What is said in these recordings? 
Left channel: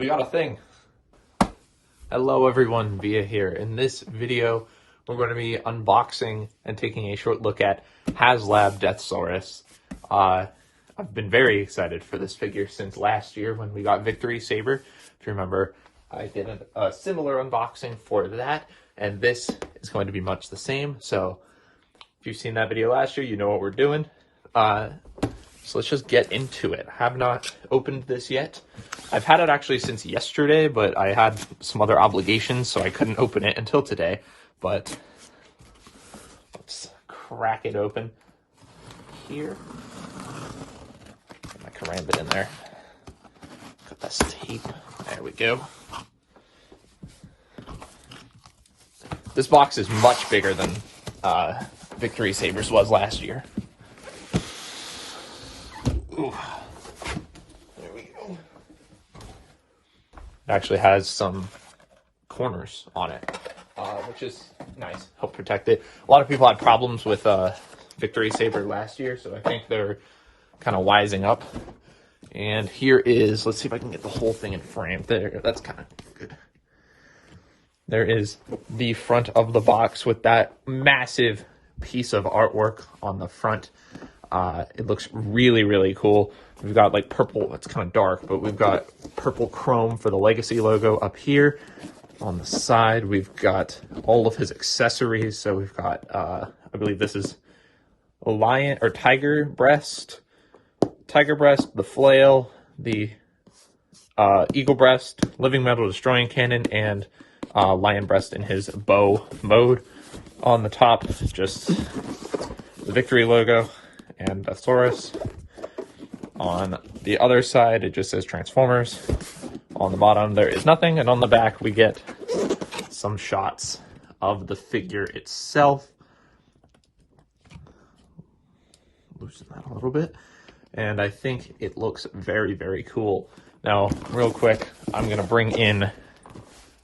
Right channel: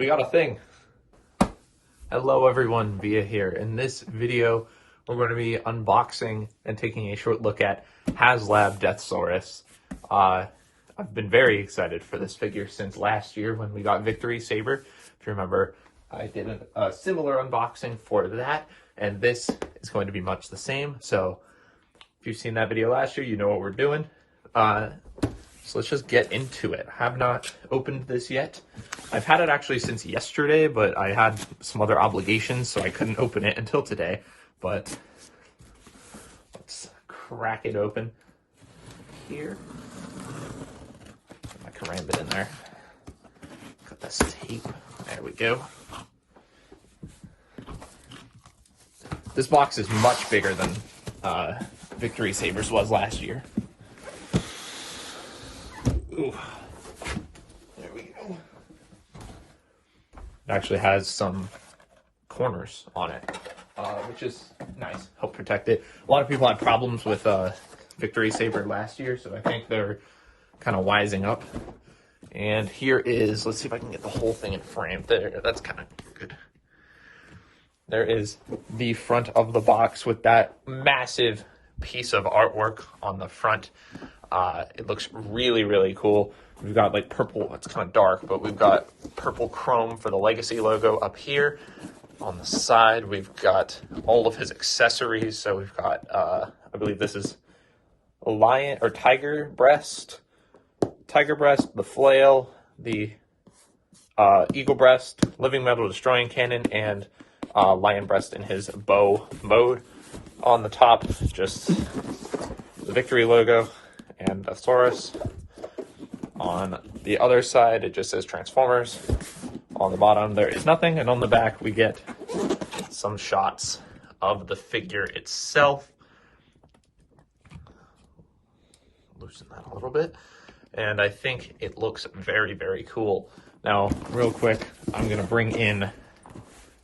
We got a thing. Hello everyone, Via here. In this video, we're going to be unboxing and taking a short look at HasLab Deathsaurus. I've been very excited for this figure since last year when we got Victory Saber. If you remember, I did a similar unboxing for that, and this is going to be much the same. So if you've seen that video last year, you know what we're doing. So let's just get into it. I have not opened this yet. I've had it actually since yesterday, but I had some other obligations, so I couldn't open it until today. But let's crack it open here. I can ram it in there. Got this tape. There we go. This box is much bigger than Victory Saber's was last year. Ooh. There we go. It actually has some corners on it, which is nice. Help protect it. A lot of people had problems with Victory Saber last year, so I think they're kind of wising up. And here is, let's see if I can get the whole thing in frame. There, that's kind of good. There is the front of the box with that massive piece of artwork on the front. It looks really, really cool. We've got like purple, it's kind of dark, but we've got purple chrome for the Legacy logo up here. On the side, we've got all of his accessories. So we've got, I believe this is a lion or tiger breast, the flail, the eagle breast, living metal destroying cannon, and lion breast in his bow mode. On the top, just the Victory logo and Deathsaurus. On the other side, it just says Transformers. On the bottom, there is nothing, and on the back, we get some shots of the figure itself. Loosen that a little bit, and I think it looks very, very cool. Now, real quick, I'm going to bring in,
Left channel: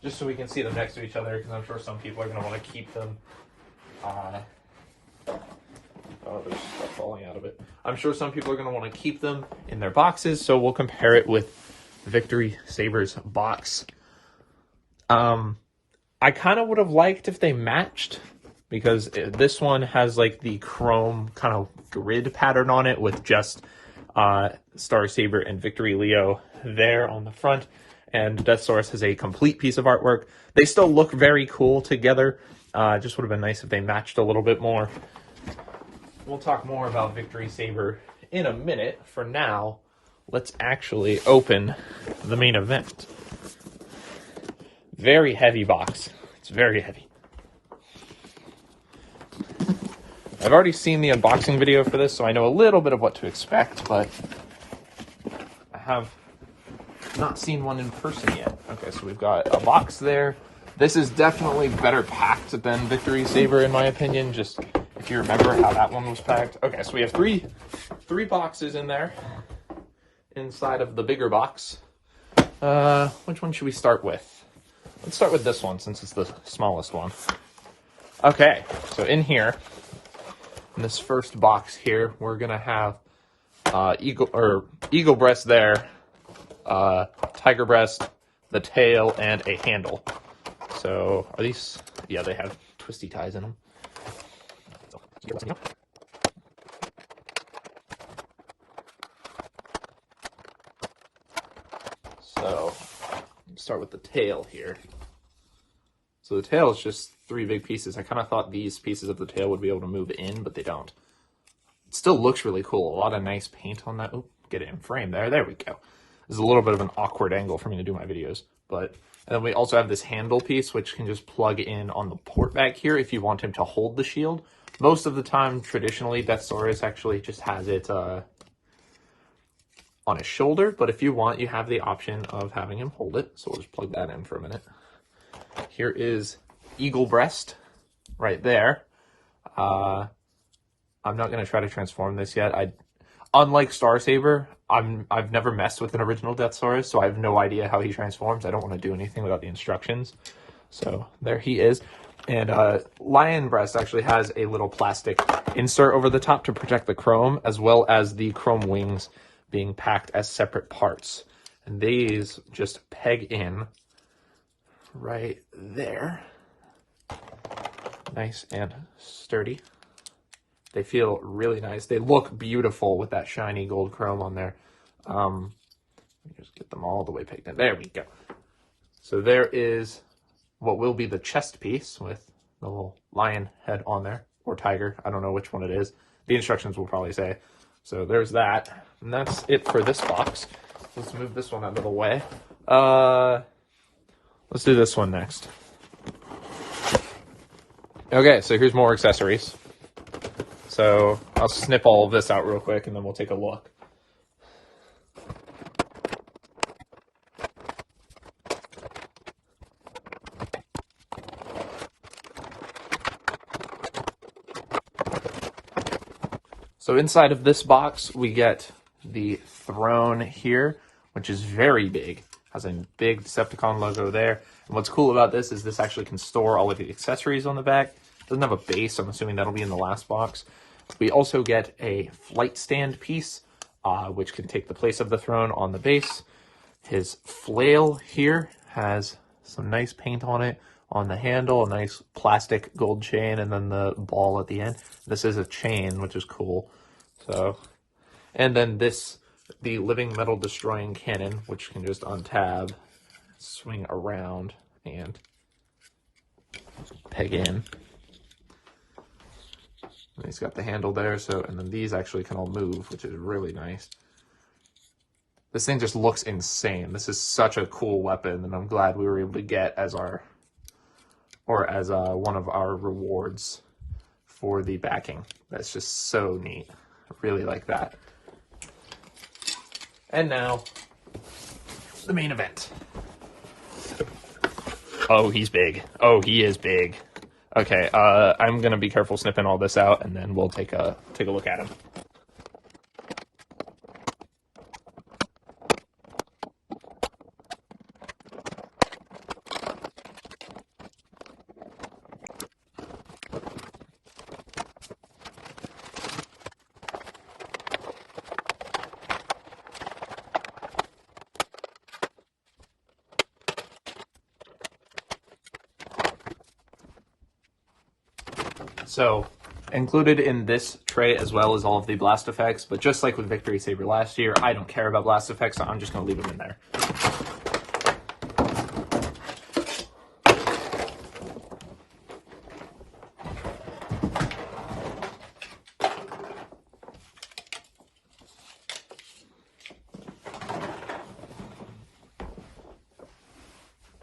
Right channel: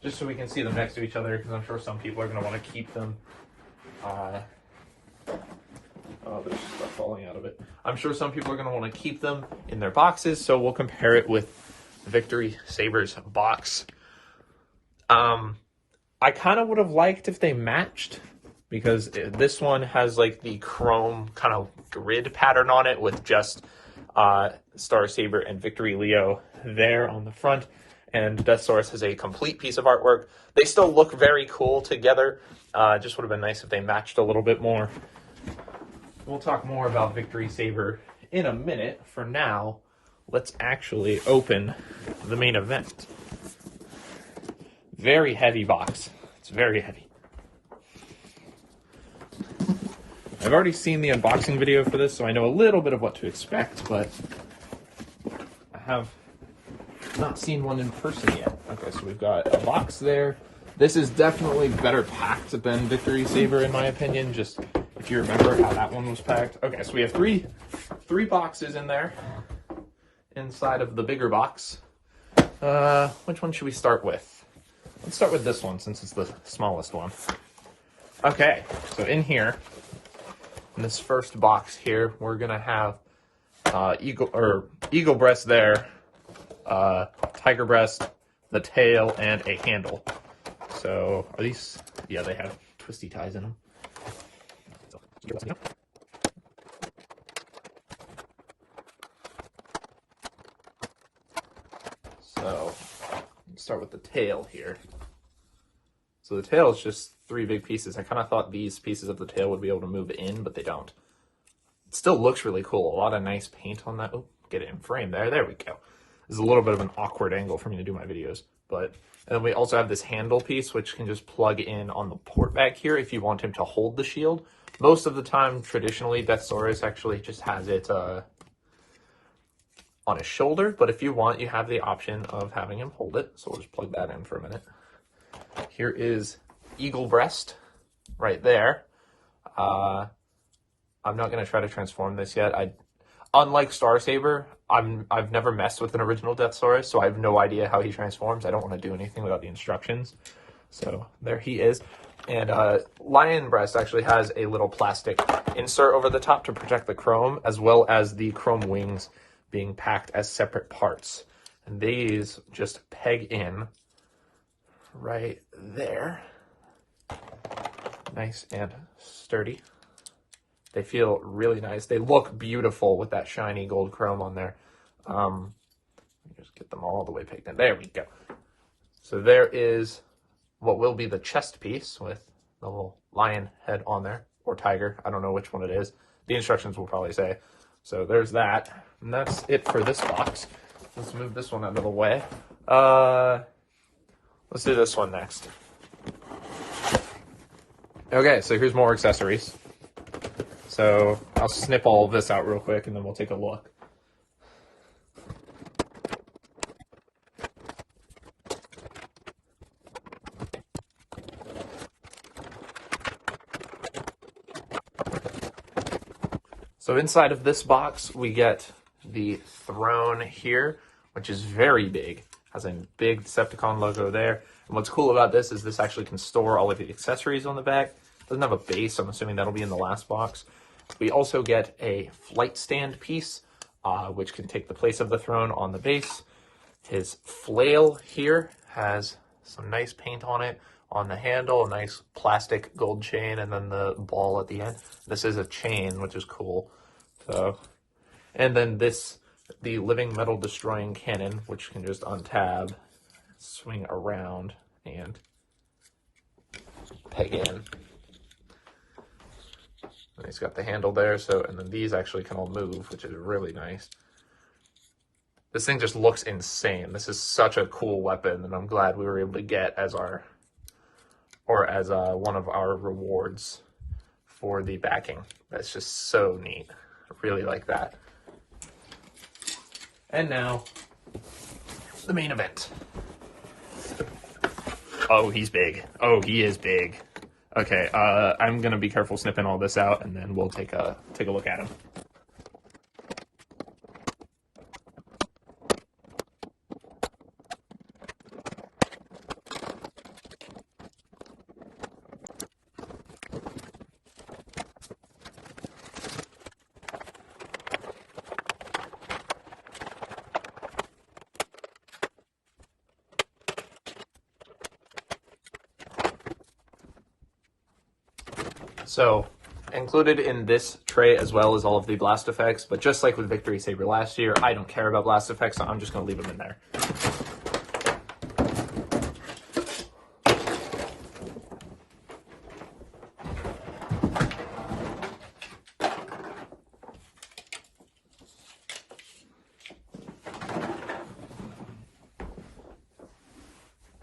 just so we can see them next to each other, because I'm sure some people are going to want to keep them. Oh, there's stuff falling out of it. I'm sure some people are going to want to keep them in their boxes, so we'll compare it with Victory Saber's box. I kind of would have liked if they matched, because this one has like the chrome kind of grid pattern on it with just Star Saber and Victory Leo there on the front, and Deathsaurus has a complete piece of artwork. They still look very cool together. Just would have been nice if they matched a little bit more. We'll talk more about Victory Saber in a minute. For now, let's actually open the main event. Very heavy box. It's very heavy. I've already seen the unboxing video for this, so I know a little bit of what to expect, but I have not seen one in person yet. Okay, so we've got a box there. This is definitely better packed than Victory Saber, in my opinion, just if you remember how that one was packed. Okay, so we have three boxes in there inside of the bigger box. Which one should we start with? Let's start with this one since it's the smallest one. Okay, so in here, in this first box here, we're gonna have eagle breast there, tiger breast, the tail, and a handle. So are these? Yeah, they have twisty ties in them. So let's start with the tail here. So the tail is just three big pieces. I kind of thought these pieces of the tail would be able to move in, but they don't. It still looks really cool. A lot of nice paint on that. Oh, get it in frame there. There we go. This is a little bit of an awkward angle for me to do my videos, but and then we also have this handle piece, which can just plug in on the port back here if you want him to hold the shield. Most of the time, traditionally, Deathsaurus actually just has it on his shoulder, but if you want, you have the option of having him hold it. So we'll just plug that in for a minute. Here is eagle breast right there. I'm not going to try to transform this yet. Unlike Star Saber, I've never messed with an original Deathsaurus, so I have no idea how he transforms. I don't want to do anything without the instructions. So there he is. And lion breast actually has a little plastic insert over the top to protect the chrome, as well as the chrome wings being packed as separate parts. And these just peg in right there. Nice and sturdy. They feel really nice. They look beautiful with that shiny gold chrome on there. Let me just get them all the way pegged in. There we go. So there is what will be the chest piece with the little lion head on there, or tiger. I don't know which one it is. The instructions will probably say. So there's that. And that's it for this box. Let's move this one out of the way. Let's do this one next. Okay, so here's more accessories. So I'll snip all of this out real quick and then we'll take a look. So inside of this box, we get the throne here, which is very big. Has a big Decepticon logo there. And what's cool about this is this actually can store all of the accessories on the back. It doesn't have a base, so I'm assuming that'll be in the last box. We also get a flight stand piece, which can take the place of the throne on the base. His flail here has some nice paint on it. On the handle, a nice plastic gold chain, and then the ball at the end. This is a chain, which is cool. So, and then this, the living metal destroying cannon, which can just untab, swing around, and peg in. And it's got the handle there, so, and then these actually can move, which is really nice. This thing just looks insane. This is such a cool weapon, and I'm glad we were able to get as our, or as one of our rewards for the backing. It's just so neat. I really like that. And now, the main event. Oh, he's big. Oh, he is big. Okay, I'm gonna be careful snipping all this out, and then we'll take a look at him. So, included in this tray as well as all of the blast effects, but just like with Victory Saber last year, I don't care about blast effects, so I'm just going to leave them in there.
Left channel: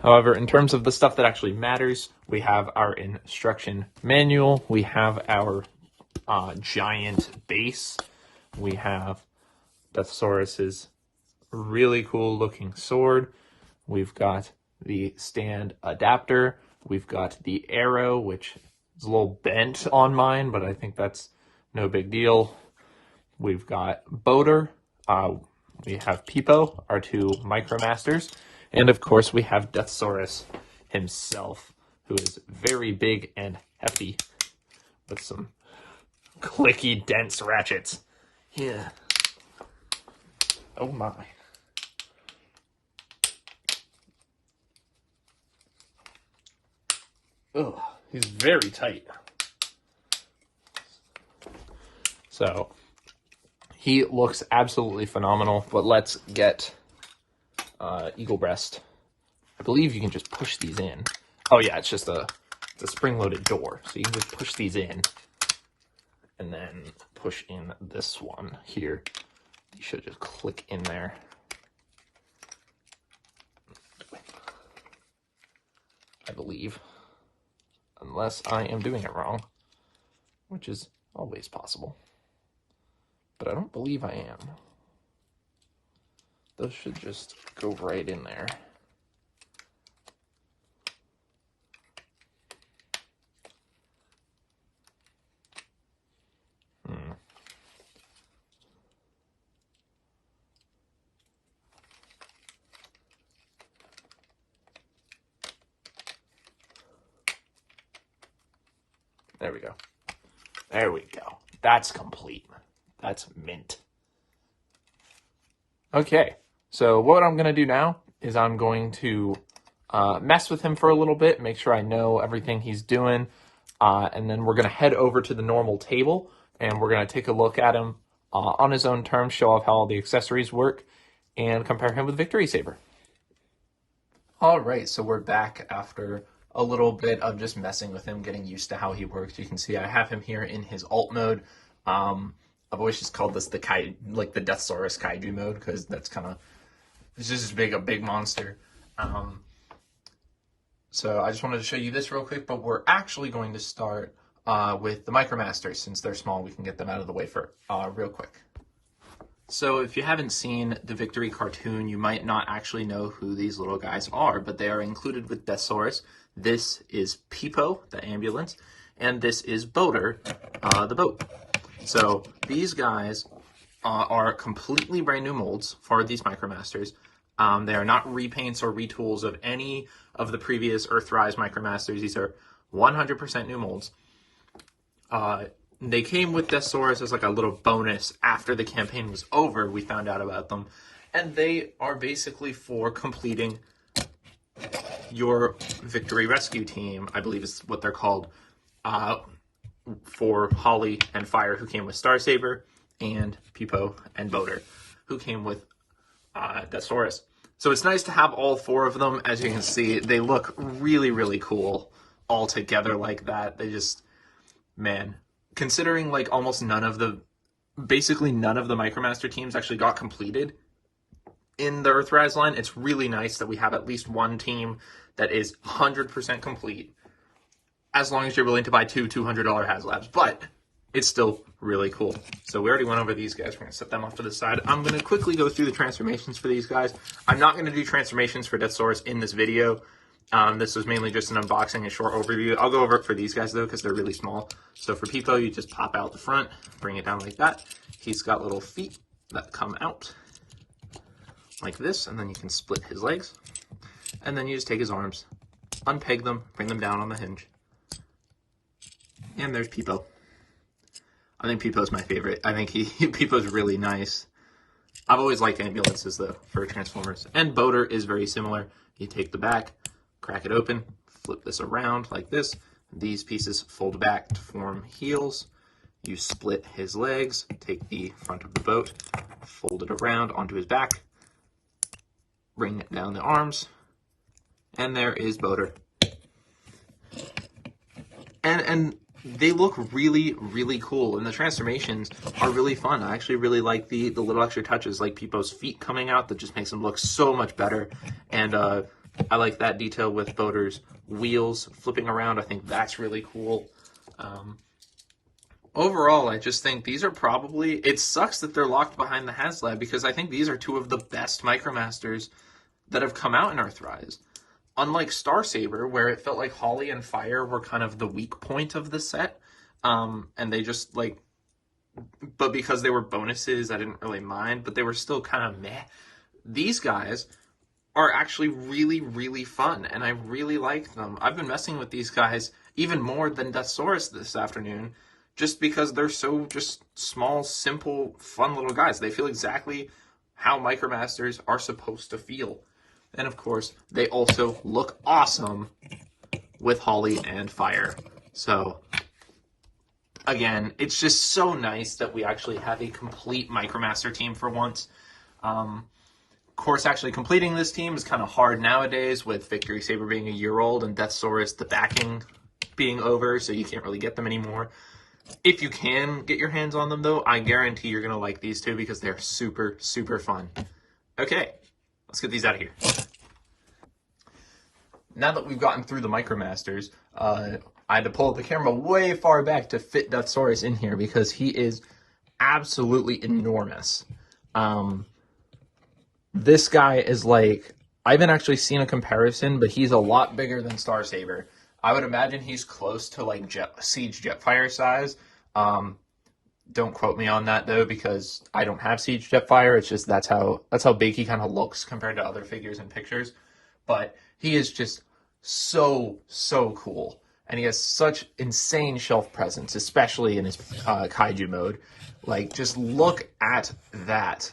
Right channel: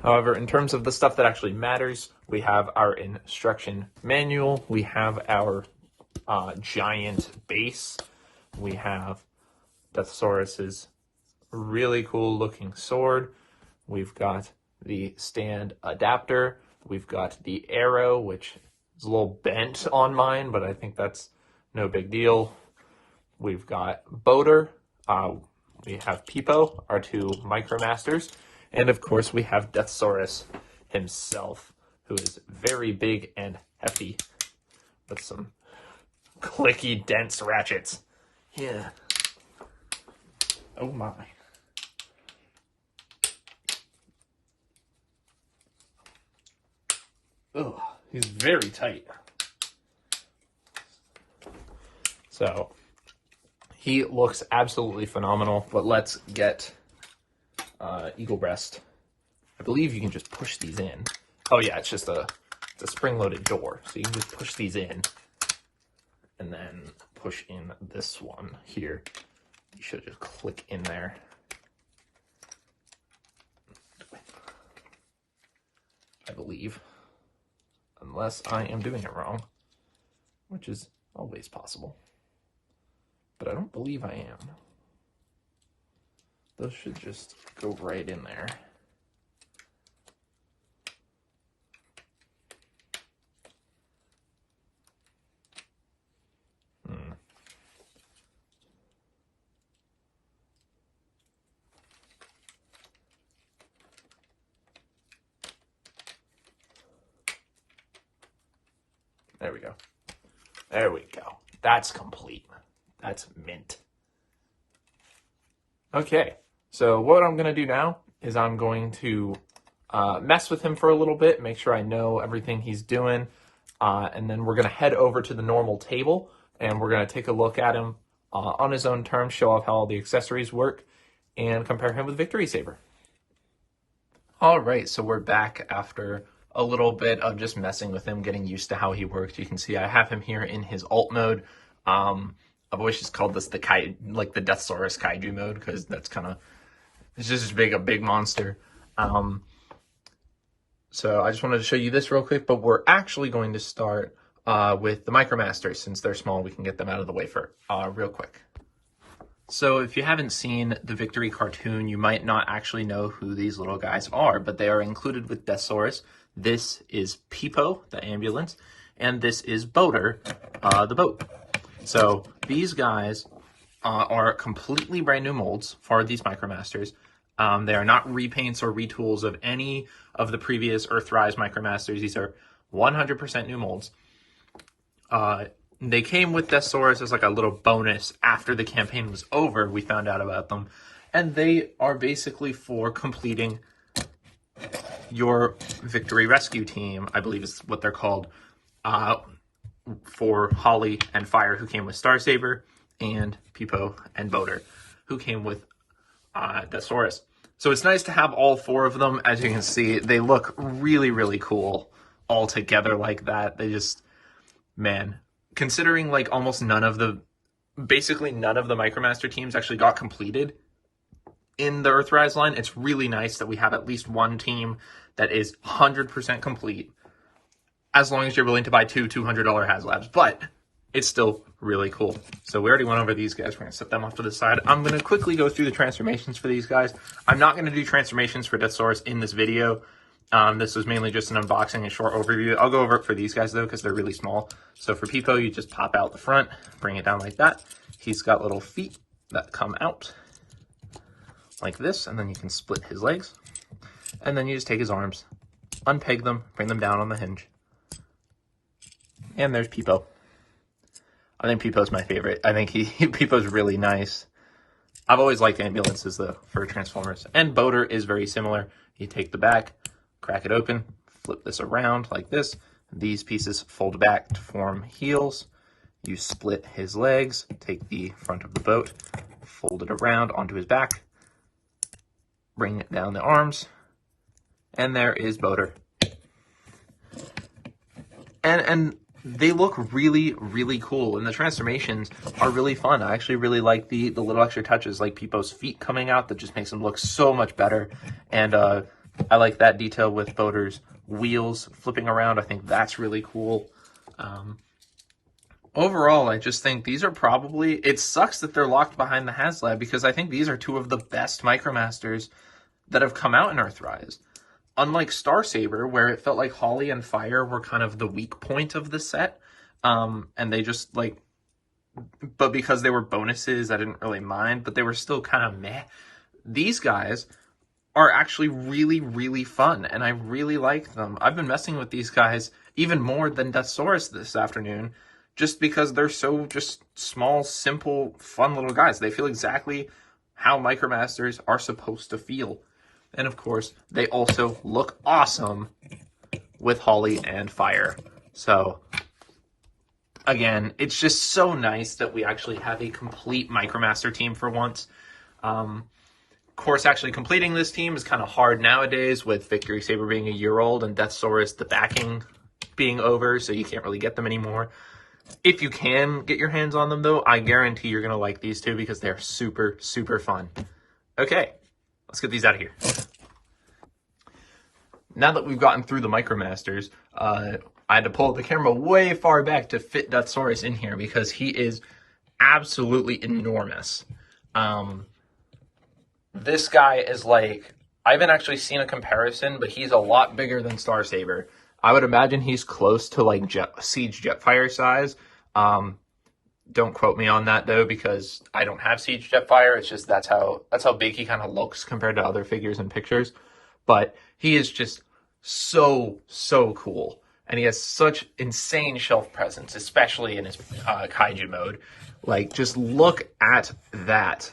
However, in terms of the stuff that actually matters, we have our instruction manual, we have our giant base, we have Deathsaurus's really cool looking sword, we've got the stand adapter, we've got the arrow, which is a little bent on mine, but I think that's no big deal. We've got Boater, we have Peepo, our two Micromasters, and of course we have Deathsaurus himself, who is very big and hefty, with some clicky, dense ratchets. Yeah. Oh my. Oh, he's very tight. So, he looks absolutely phenomenal, but let's get Eagle Breast. I believe you can just push these in. Oh yeah, it's just a spring-loaded door, so you can just push these in, and then push in this one here. You should just click in there. I believe, unless I am doing it wrong, which is always possible, but I don't believe I am. Those should just go right in there. There we go. There we go. That's complete. That's mint. Okay, So what I'm going to do now is I'm going to mess with him for a little bit, make sure I know everything he's doing, and then we're going to head over to the normal table, and we're going to take a look at him on his own terms, show off how all the accessories work, and compare him with Victory Saber. All right, so we're back after a little bit of just messing with him, getting used to how he works. You can see I have him here in his alt mode. I've always just called this the Deathsaurus Kaiju mode, because that's kind of, it's just a big monster. So I just wanted to show you this real quick, but we're actually going to start with the Micromasters. Since they're small, we can get them out of the way for real quick. So if you haven't seen the Victory cartoon, you might not actually know who these little guys are, but they are included with Deathsaurus. This is Peepo, the ambulance, and this is Boater, the boat. So these guys are completely brand new molds for these Micromasters. They are not repaints or retools of any of the previous Earthrise Micromasters. These are 100% new molds. They came with Deathsaurus as like a little bonus after the campaign was over. We found out about them. And they are basically for completing your Victory Rescue Team, I believe is what they're called, for Holly and Fire, who came with Star Saber, and Peepo and Boater, who came with Deathsaurus. So it's nice to have all four of them. As you can see, they look really, really cool all together like that. They just, man, considering like basically none of the Micromaster teams actually got completed in the Earthrise line, it's really nice that we have at least one team that is 100% complete, as long as you're willing to buy two $200 HasLabs, but it's still really cool. So we already went over these guys. We're going to set them off to the side. I'm going to quickly go through the transformations for these guys. I'm not going to do transformations for Deathsaurus in this video. This was mainly just an unboxing and short overview. I'll go over it for these guys, though, because they're really small. So for Peepo, you just pop out the front, bring it down like that. He's got little feet that come out like this, and then you can split his legs. And then you just take his arms, unpeg them, bring them down on the hinge. And there's Peepo. I think Peepo's my favorite. I think Peepo's really nice. I've always liked ambulances, though, for Transformers. And Boater is very similar. You take the back, crack it open, flip this around like this. These pieces fold back to form heels. You split his legs, take the front of the boat, fold it around onto his back, bring it down the arms, and there is Boater. And they look really, really cool, and the transformations are really fun. I actually really like the little extra touches, like Peepo's feet coming out, that just makes them look so much better. And I like that detail with Boater's wheels flipping around. I think that's really cool. Overall, I just think these are probably, it sucks that they're locked behind the HasLab, because I think these are two of the best Micromasters that have come out in Earthrise. Unlike Star Saber, where it felt like Holly and Fire were kind of the weak point of the set, and they just like, but because they were bonuses, I didn't really mind, but they were still kind of meh. These guys are actually really, really fun, and I really like them. I've been messing with these guys even more than Deathsaurus this afternoon, just because they're so just small, simple, fun little guys. They feel exactly how Micromasters are supposed to feel. And of course, they also look awesome with Holly and Fire. So, again, it's just so nice that we actually have a complete Micromaster team for once. Of course, actually completing this team is kind of hard nowadays, with Victory Saber being a year old and Deathsaurus, the backing being over, so you can't really get them anymore. If you can get your hands on them, though, I guarantee you're going to like these two, because they're super, super fun. Okay, let's get these out of here. Now that we've gotten through the Micromasters, I had to pull the camera way far back to fit Deathsaurus in here, because he is absolutely enormous. This guy is like, I haven't actually seen a comparison, but he's a lot bigger than Star Saber. I would imagine he's close to like Siege Jetfire size. Don't quote me on that, though, because I don't have Siege Jetfire. It's just that's how big he kind of looks compared to other figures and pictures. But he is just so cool, and he has such insane shelf presence, especially in his Kaiju mode. Like, just look at that.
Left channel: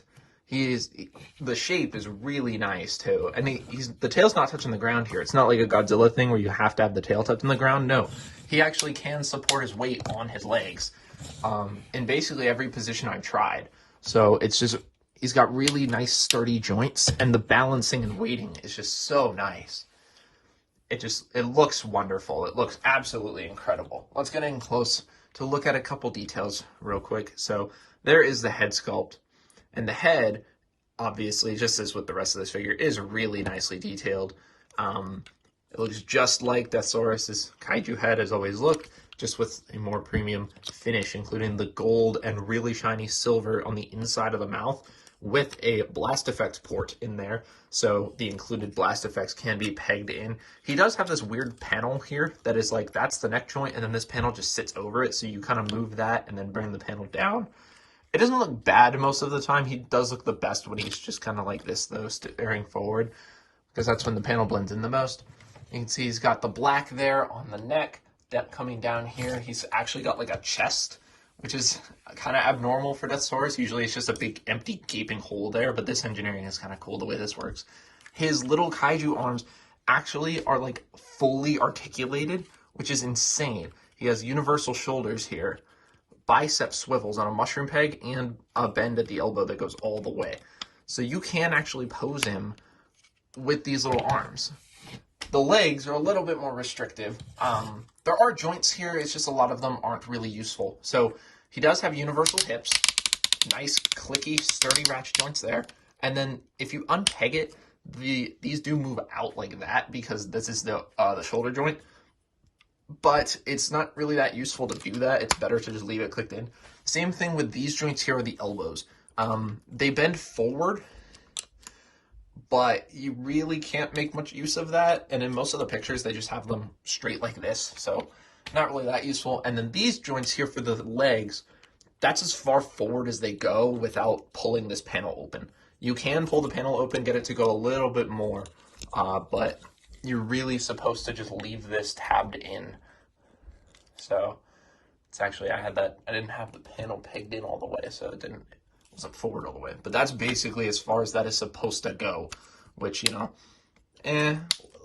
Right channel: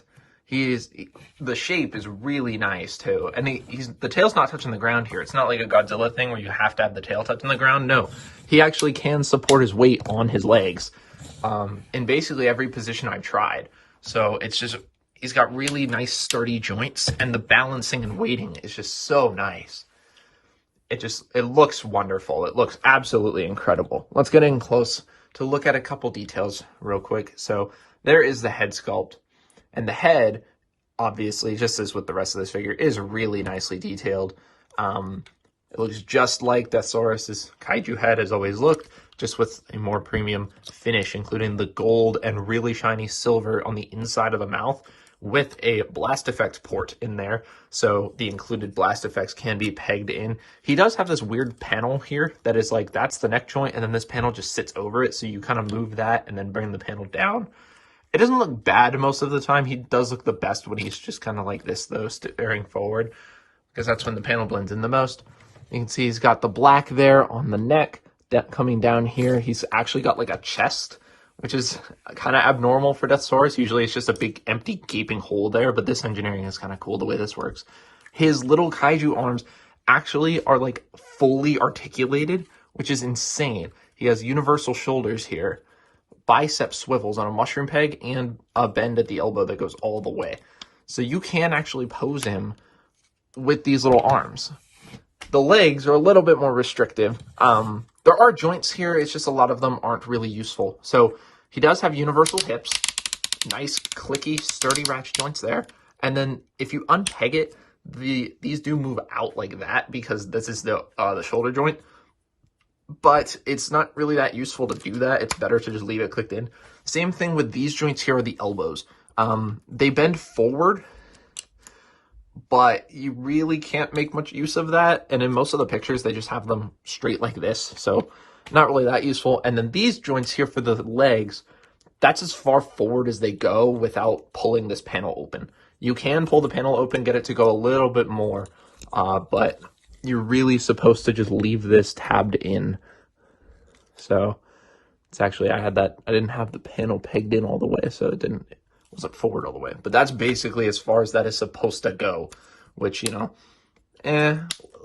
the shape is really nice too, and the tail's not touching the ground here. It's not like a Godzilla thing where you have to have the tail touching the ground. No, he actually can support his weight on his legs, in basically every position I've tried. So it's just, he's got really nice sturdy joints, and the balancing and weighting is just so nice. It looks wonderful. It looks absolutely incredible. Let's get in close to look at a couple details real quick. So there is the head sculpt. And the head, obviously, just as with the rest of this figure, is really nicely detailed. It looks just like Deathsaurus' Kaiju head has always looked, just with a more premium finish, including the gold and really shiny silver on the inside of the mouth, with a blast effects port in there, so the included blast effects can be pegged in. He does have this weird panel here that is like, that's the neck joint, and then this panel just sits over it, so you kind of move that and then bring the panel down. It doesn't look bad most of the time. He does look the best when he's just kind of like this, though, staring forward, because that's when the panel blends in the most. You can see he's got the black there on the neck, that coming down here. He's actually got like a chest, which is kind of abnormal for Deathsaurus. Usually it's just a big empty gaping hole there, but this engineering is kind of cool the way this works. His little Kaiju arms actually are like fully articulated, which is insane. He has universal shoulders here, bicep swivels on a mushroom peg, and a bend at the elbow that goes all the way. So you can actually pose him with these little arms. The legs are a little bit more restrictive. There are joints here, it's just a lot of them aren't really useful. So he does have universal hips, nice clicky sturdy ratchet joints there. And then if you unpeg it, these do move out like that, because this is the shoulder joint. But it's not really that useful to do that. It's better to just leave it clicked in. Same thing with these joints here are the elbows. They bend forward, but you really can't make much use of that. And in most of the pictures, they just have them straight like this. So not really that useful. And then these joints here for the legs, that's as far forward as they go without pulling this panel open. You can pull the panel open, get it to go a little bit more, but you're really supposed to just leave this tabbed in. So it's actually, I didn't have the panel pegged in all the way, so it wasn't forward all the way. But that's basically as far as that is supposed to go, which, you know, a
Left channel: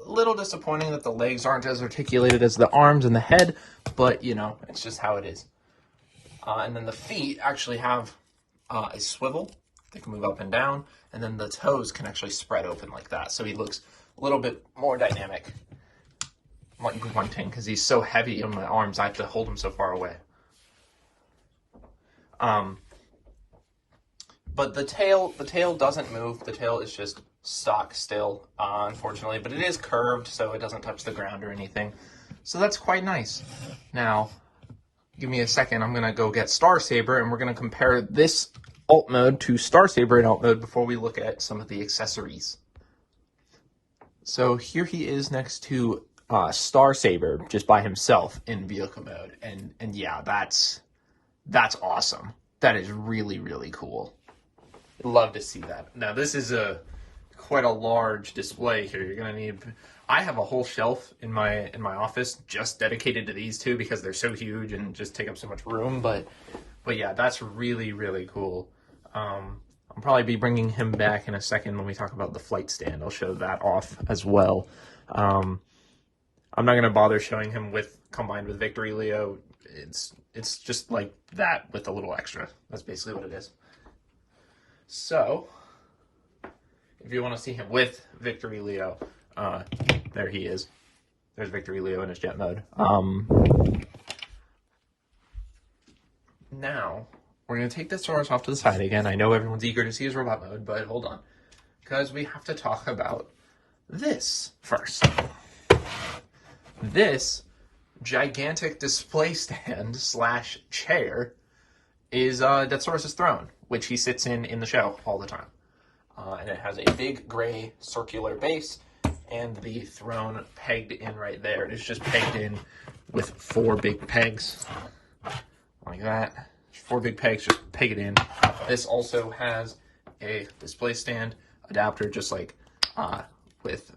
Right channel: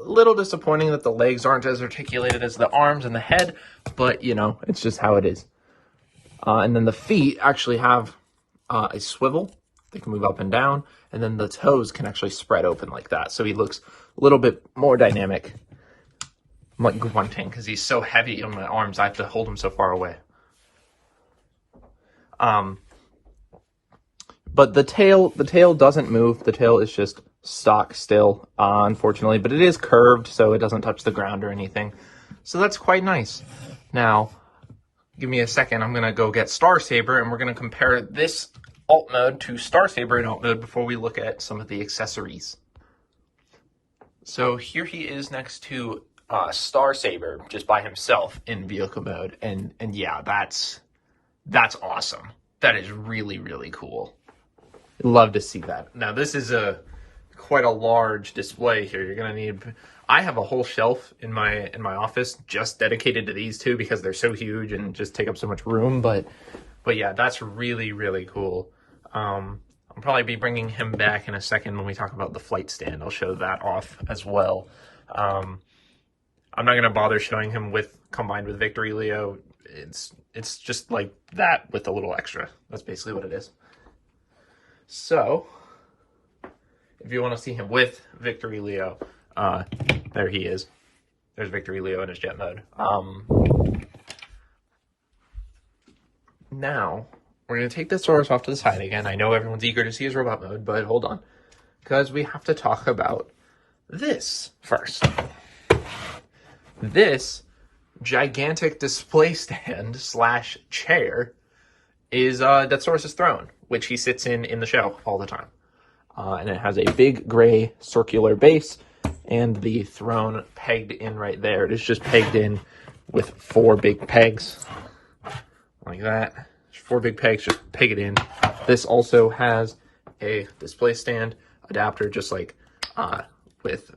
little disappointing that the legs aren't as articulated as the arms and the head, but, you know, it's just how it is. And then the feet actually have a swivel. They can move up and down, and then the toes can actually spread open like that. So he looks a little bit more dynamic. I'm like grunting because he's so heavy on my arms. I have to hold him so far away. But the tail doesn't move. The tail is just stock still, unfortunately. But it is curved, so it doesn't touch the ground or anything. So that's quite nice. Now, give me a second. I'm going to go get Star Saber, and we're going to compare this alt mode to Star Saber in alt mode before we look at some of the accessories. So here he is next to Star Saber just by himself in vehicle mode, and yeah, that's awesome. That is really, really cool. Love to see that. Now this is quite a large display here. You're gonna need. I have a whole shelf in my office just dedicated to these two because they're so huge and just take up so much room. But yeah, that's really, really cool. I'll probably be bringing him back in a second when we talk about the flight stand. I'll show that off as well. I'm not going to bother showing him combined with Victory Leo. It's just like that with a little extra. That's basically what it is. So, if you want to see him with Victory Leo, there he is. There's Victory Leo in his jet mode. Now, we're going to take this Deathsaurus off to the side again. I know everyone's eager to see his robot mode, but hold on. Because we have to talk about this first. This gigantic display stand / chair is Deathsaurus' throne, which he sits in the show all the time. And it has a big gray circular base and the throne pegged in right there. It is just pegged in with 4 big pegs like that. 4 big pegs, just peg it in. This also has a display stand adapter, just like with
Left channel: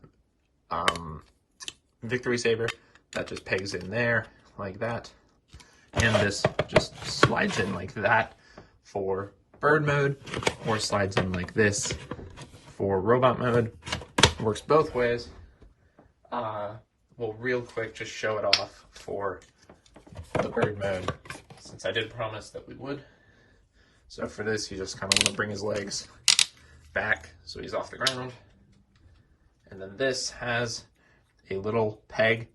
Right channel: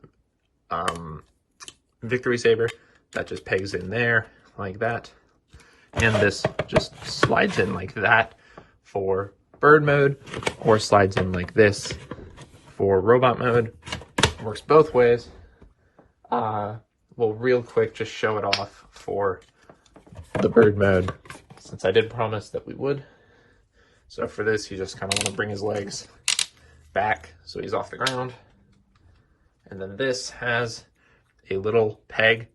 Victory Saber. That just pegs in there like that. And this just slides in like that for bird mode, or slides in like this for robot mode. Works both ways. We'll real quick just show it off for the bird mode, since I did promise that we would. So for this, you just kind of want to bring his legs back so he's off the ground. And then this has a little peg,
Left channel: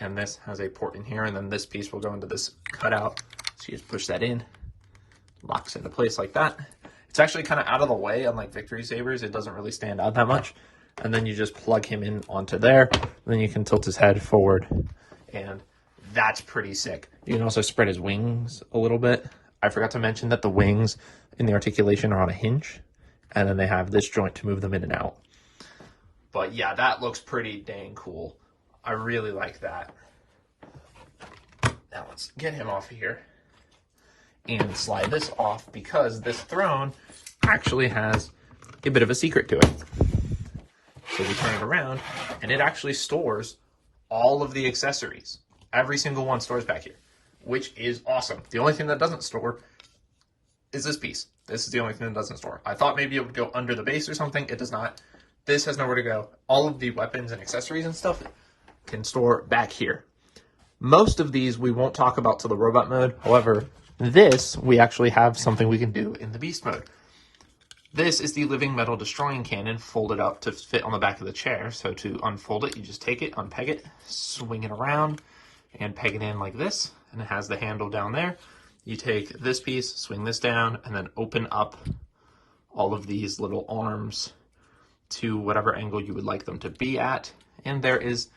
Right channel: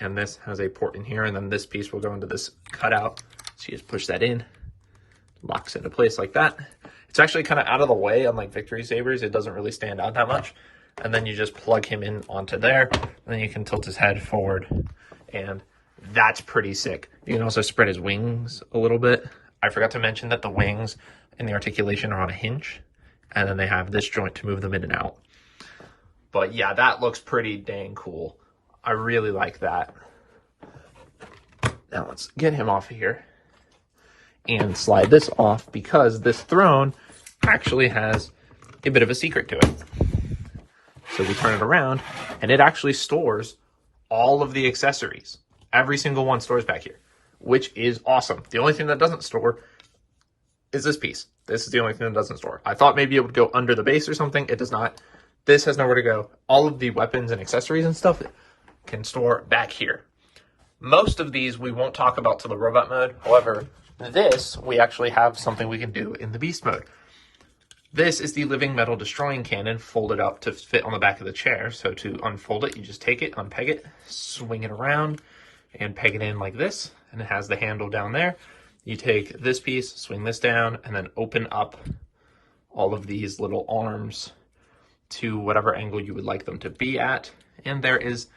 and this has a port in here, and then this piece will go into this cutout. So you just push that in, locks into place like that. It's actually kind of out of the way, unlike Victory Sabers. It doesn't really stand out that much. And then you just plug him in onto there, and then you can tilt his head forward, and that's pretty sick. You can also spread his wings a little bit. I forgot to mention that the wings in the articulation are on a hinge, and then they have this joint to move them in and out. But yeah, that looks pretty dang cool. I really like that. Now let's get him off of here and slide this off, because this throne actually has a bit of a secret to it. So we turn it around, and it actually stores all of the accessories. Every single one stores back here, which is awesome. The only thing that doesn't store is this piece. This is the only thing that doesn't store. I thought maybe it would go under the base or something. It does not. This has nowhere to go. All of the weapons and accessories and stuff can store back here. Most of these we won't talk about till the robot mode. However, this, we actually have something we can do in the beast mode. This is the living metal destroying cannon folded up to fit on the back of the chair. So to unfold it, you just take it, unpeg it, swing it around, and peg it in like this. And it has the handle down there. You take this piece, swing this down, and then open up all of these little arms to whatever angle you would like them to be at. And there is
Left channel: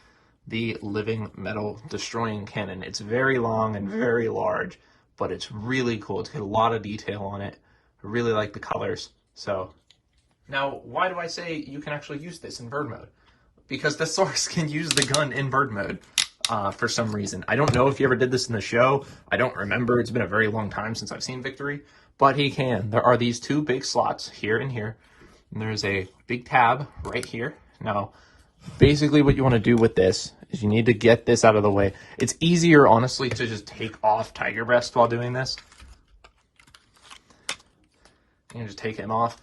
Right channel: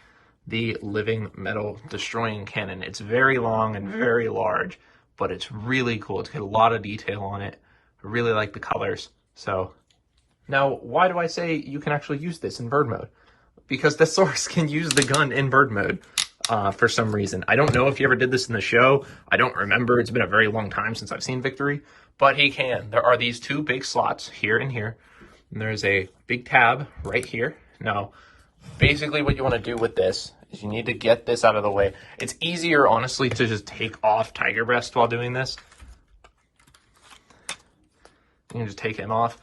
the living metal destroying cannon. It's very long and very large, but it's really cool. It's got a lot of detail on it. I really like the colors. So now, why do I say you can actually use this in bird mode? Because the Deathsaurus can use the gun in bird mode for some reason. I don't know if he ever did this in the show. I don't remember. It's been a very long time since I've seen Victory, but he can. There are these two big slots here and here, and there's a big tab right here. Now, basically what you want to do with this is you need to get this out of the way. It's easier, honestly, to just take off Tiger Breast while doing this. You can just take him off,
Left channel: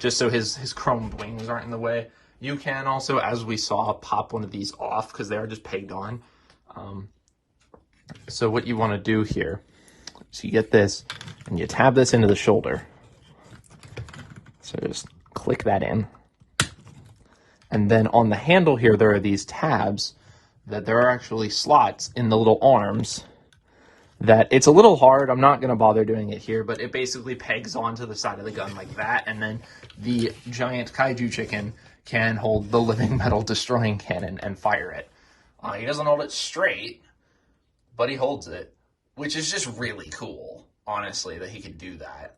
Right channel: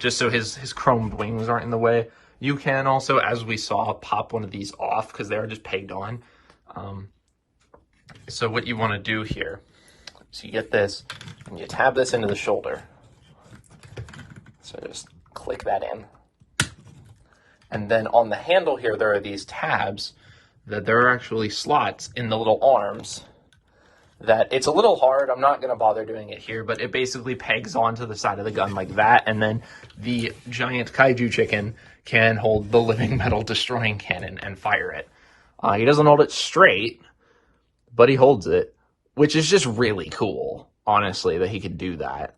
just so his chromed wings aren't in the way. You can also, as we saw, pop one of these off because they are just pegged on. So what you want to do here is you get this, and you tab this into the shoulder. So just click that in. And then on the handle here, there are these tabs that there are actually slots in the little arms. That it's a little hard. I'm not going to bother doing it here, but it basically pegs onto the side of the gun like that, and then the giant Kaiju chicken can hold the living metal destroying cannon and fire it. He doesn't hold it straight, but he holds it, which is just really cool, honestly, that he could do that.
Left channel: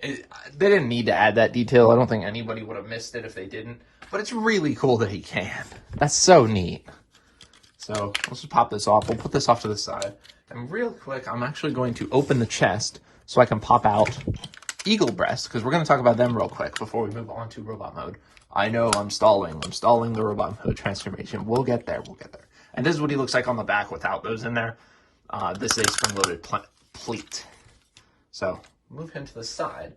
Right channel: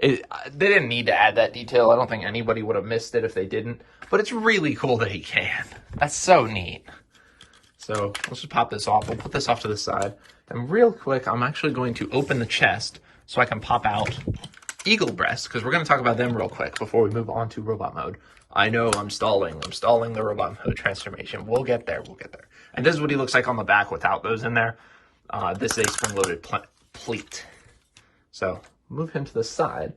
They didn't need to add that detail. I don't think anybody would have missed it if they didn't, but it's really cool that he can. That's so neat. So let's just pop this off. We'll put this off to the side. And real quick, I'm actually going to open the chest so I can pop out Eagle Breast, because we're going to talk about them real quick before we move on to robot mode. I know I'm stalling. I'm stalling the robot mode transformation. We'll get there. We'll get there. And this is what he looks like on the back without those in there. This is a spring-loaded pleat. So move him to the side,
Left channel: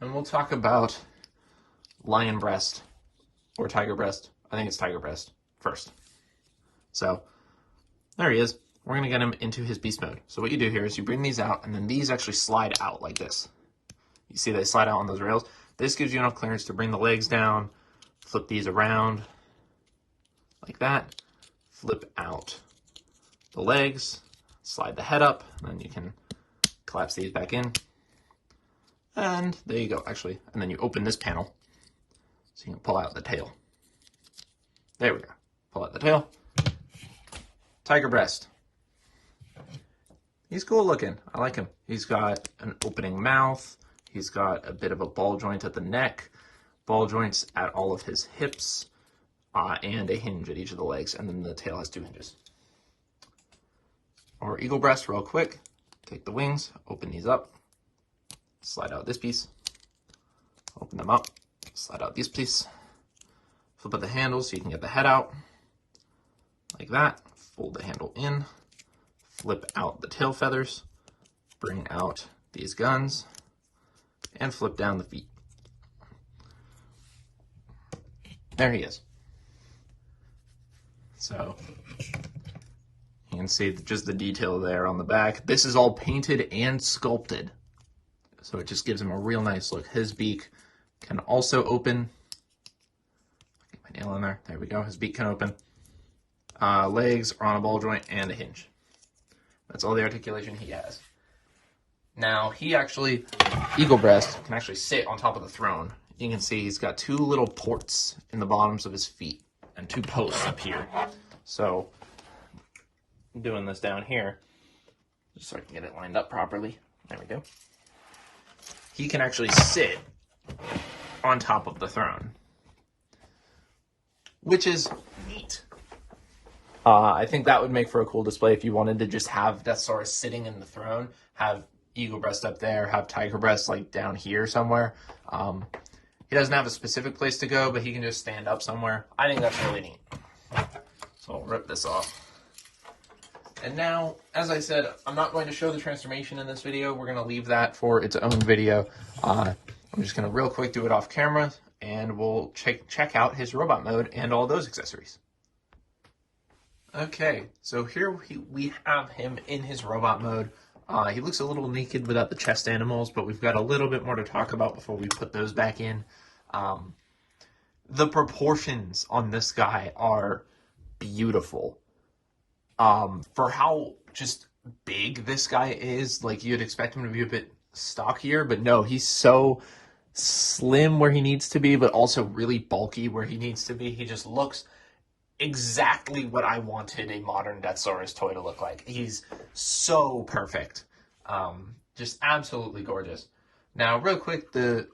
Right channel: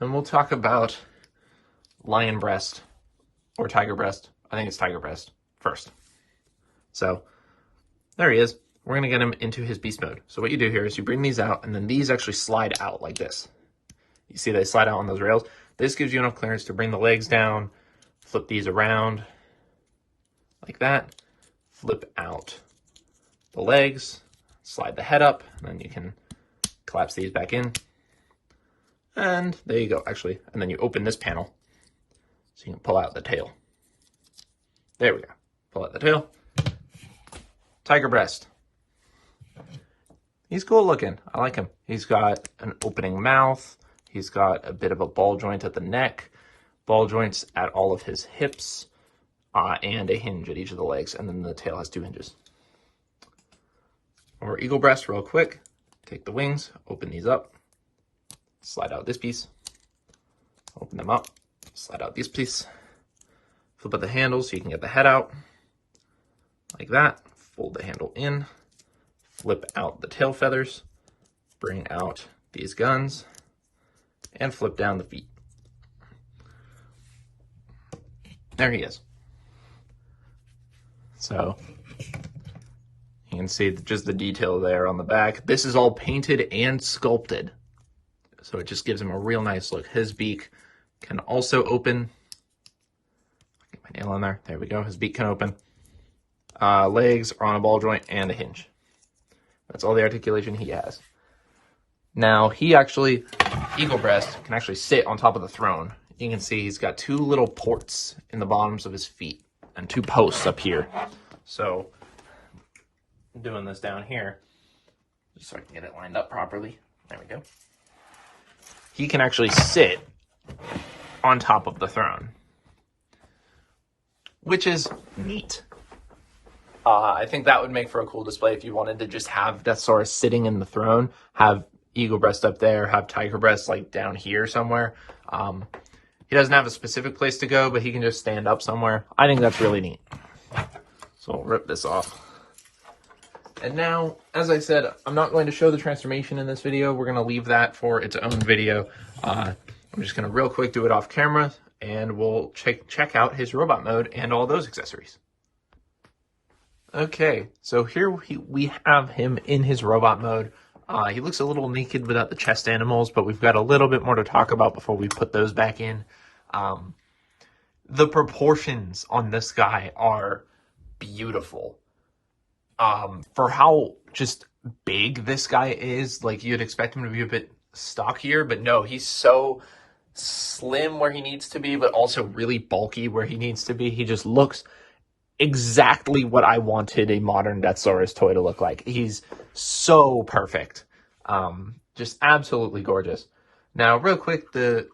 and we'll talk about Lion Breast or Tiger Breast. I think it's Tiger Breast first. So there he is. We're going to get him into his beast mode. So what you do here is you bring these out, and then these actually slide out like this. You see they slide out on those rails. This gives you enough clearance to bring the legs down, flip these around like that, flip out the legs, slide the head up, and then you can collapse these back in. And there you go, actually. And then you open this panel so you can pull out the tail. There we go. Pull out the tail. Tiger Breast. He's cool looking. I like him. He's got an opening mouth. He's got a bit of a ball joint at the neck, ball joints at all of his hips, and a hinge at each of the legs. And then the tail has 2 hinges. Or Eagle Breast real quick. Take the wings, open these up, slide out this piece, open them up, slide out this piece, flip out the handle so you can get the head out, like that, fold the handle in, flip out the tail feathers, bring out these guns, and flip down the feet. There he is. So you can see just the detail there on the back. This is all painted and sculpted, so it just gives him a real nice look. His beak can also open. Get my nail on there. There we go. His beak can open. Legs are on a ball joint and a hinge. That's all the articulation he has. Now, he actually, Eagle Breast, can actually sit on top of the throne. You can see he's got 2 little ports in the bottoms of his feet and 2 posts up here. So, doing this down here, just so I can get it lined up properly. There we go. He can actually sit on top of the throne, which is neat. I think that would make for a cool display if you wanted to just have Deathsaurus sitting in the throne, have Eagle Breast up there, have Tiger Breast like down here somewhere. He doesn't have a specific place to go, but he can just stand up somewhere. I think that's really neat. So we'll rip this off. And now, as I said, I'm not going to show the transformation in this video. We're going to leave that for its own video. I'm just going to real quick do it off camera, and we'll check out his robot mode and all those accessories. Okay, so here we have him in his robot mode. He looks a little naked without the chest animals, but we've got a little bit more to talk about before we put those back in. The proportions on this guy are beautiful. For how just big this guy is, like you'd expect him to be a bit stockier, but no, he's so slim where he needs to be, but also really bulky where he needs to be. He just looks exactly what I wanted a modern Deathsaurus toy to look like. He's so perfect. Just absolutely gorgeous. Now, real quick, the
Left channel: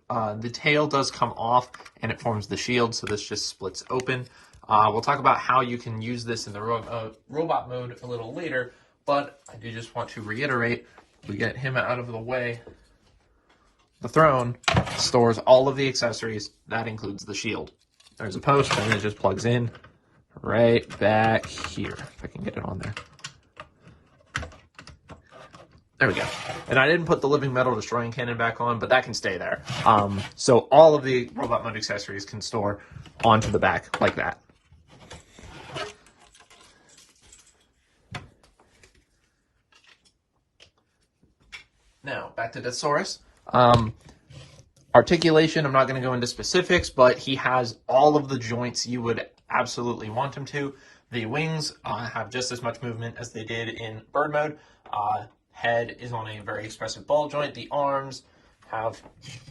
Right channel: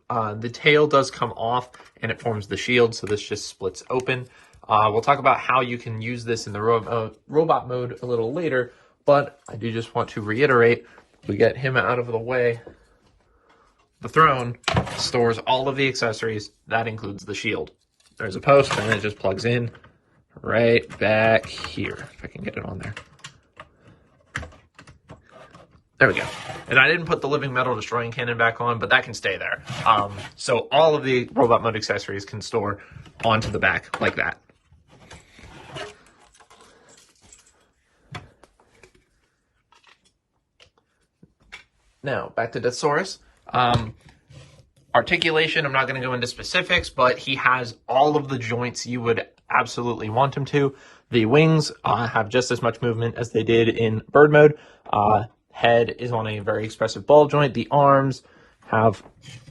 tail does come off and it forms the shield, so this just splits open. We'll talk about how you can use this in the robot mode a little later, but I do just want to reiterate, we get him out of the way. The throne stores all of the accessories. That includes the shield. There's a post and it just plugs in right back here, if I can get it on there. There we go. And I didn't put the living metal destroying cannon back on, but that can stay there. So all of the robot mode accessories can store onto the back like that. Now, back to Deathsaurus. Articulation, I'm not going to go into specifics, but he has all of the joints you would absolutely want him to. The wings have just as much movement as they did in bird mode. Head is on a very expressive ball joint. The arms have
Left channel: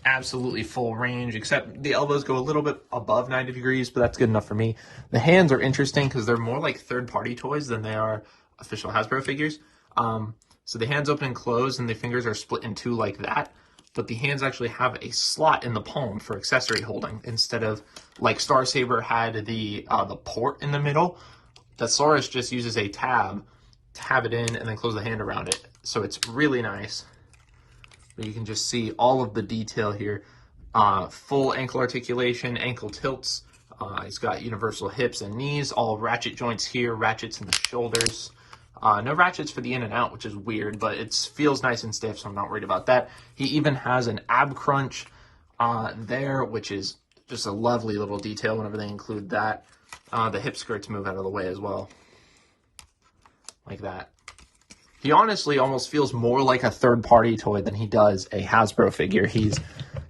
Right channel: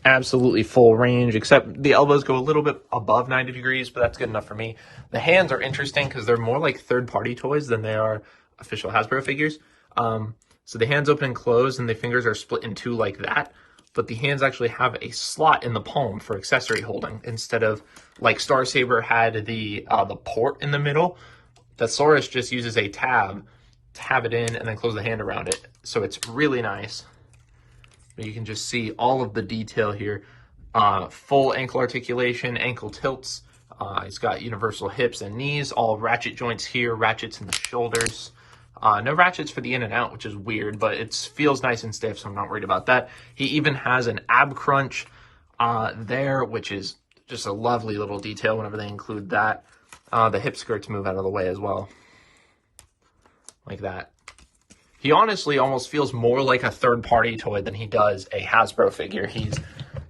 absolutely full range, except the elbows go a little bit above 90 degrees, but that's good enough for me. The hands are interesting because they're more like third-party toys than they are official Hasbro figures. So the hands open and close, and the fingers are split in 2 like that. But the hands actually have a slot in the palm for accessory holding instead of like Star Saber had the port in the middle. Deathsaurus just uses a tab to have it in and then close the hand around it. So it's really nice. But you can just see all of the detail here. Full ankle articulation, ankle tilts. It's got universal hips and knees, all ratchet joints here, ratchets in the shoulders. No ratchets for the in and out, which is weird, but it feels nice and stiff, so I'm not worried about that. He even has an ab crunch there, which is just a lovely little detail whenever they include that. The hip skirts move out of the way as well, like that. He honestly almost feels more like a third-party toy than he does a Hasbro figure. He's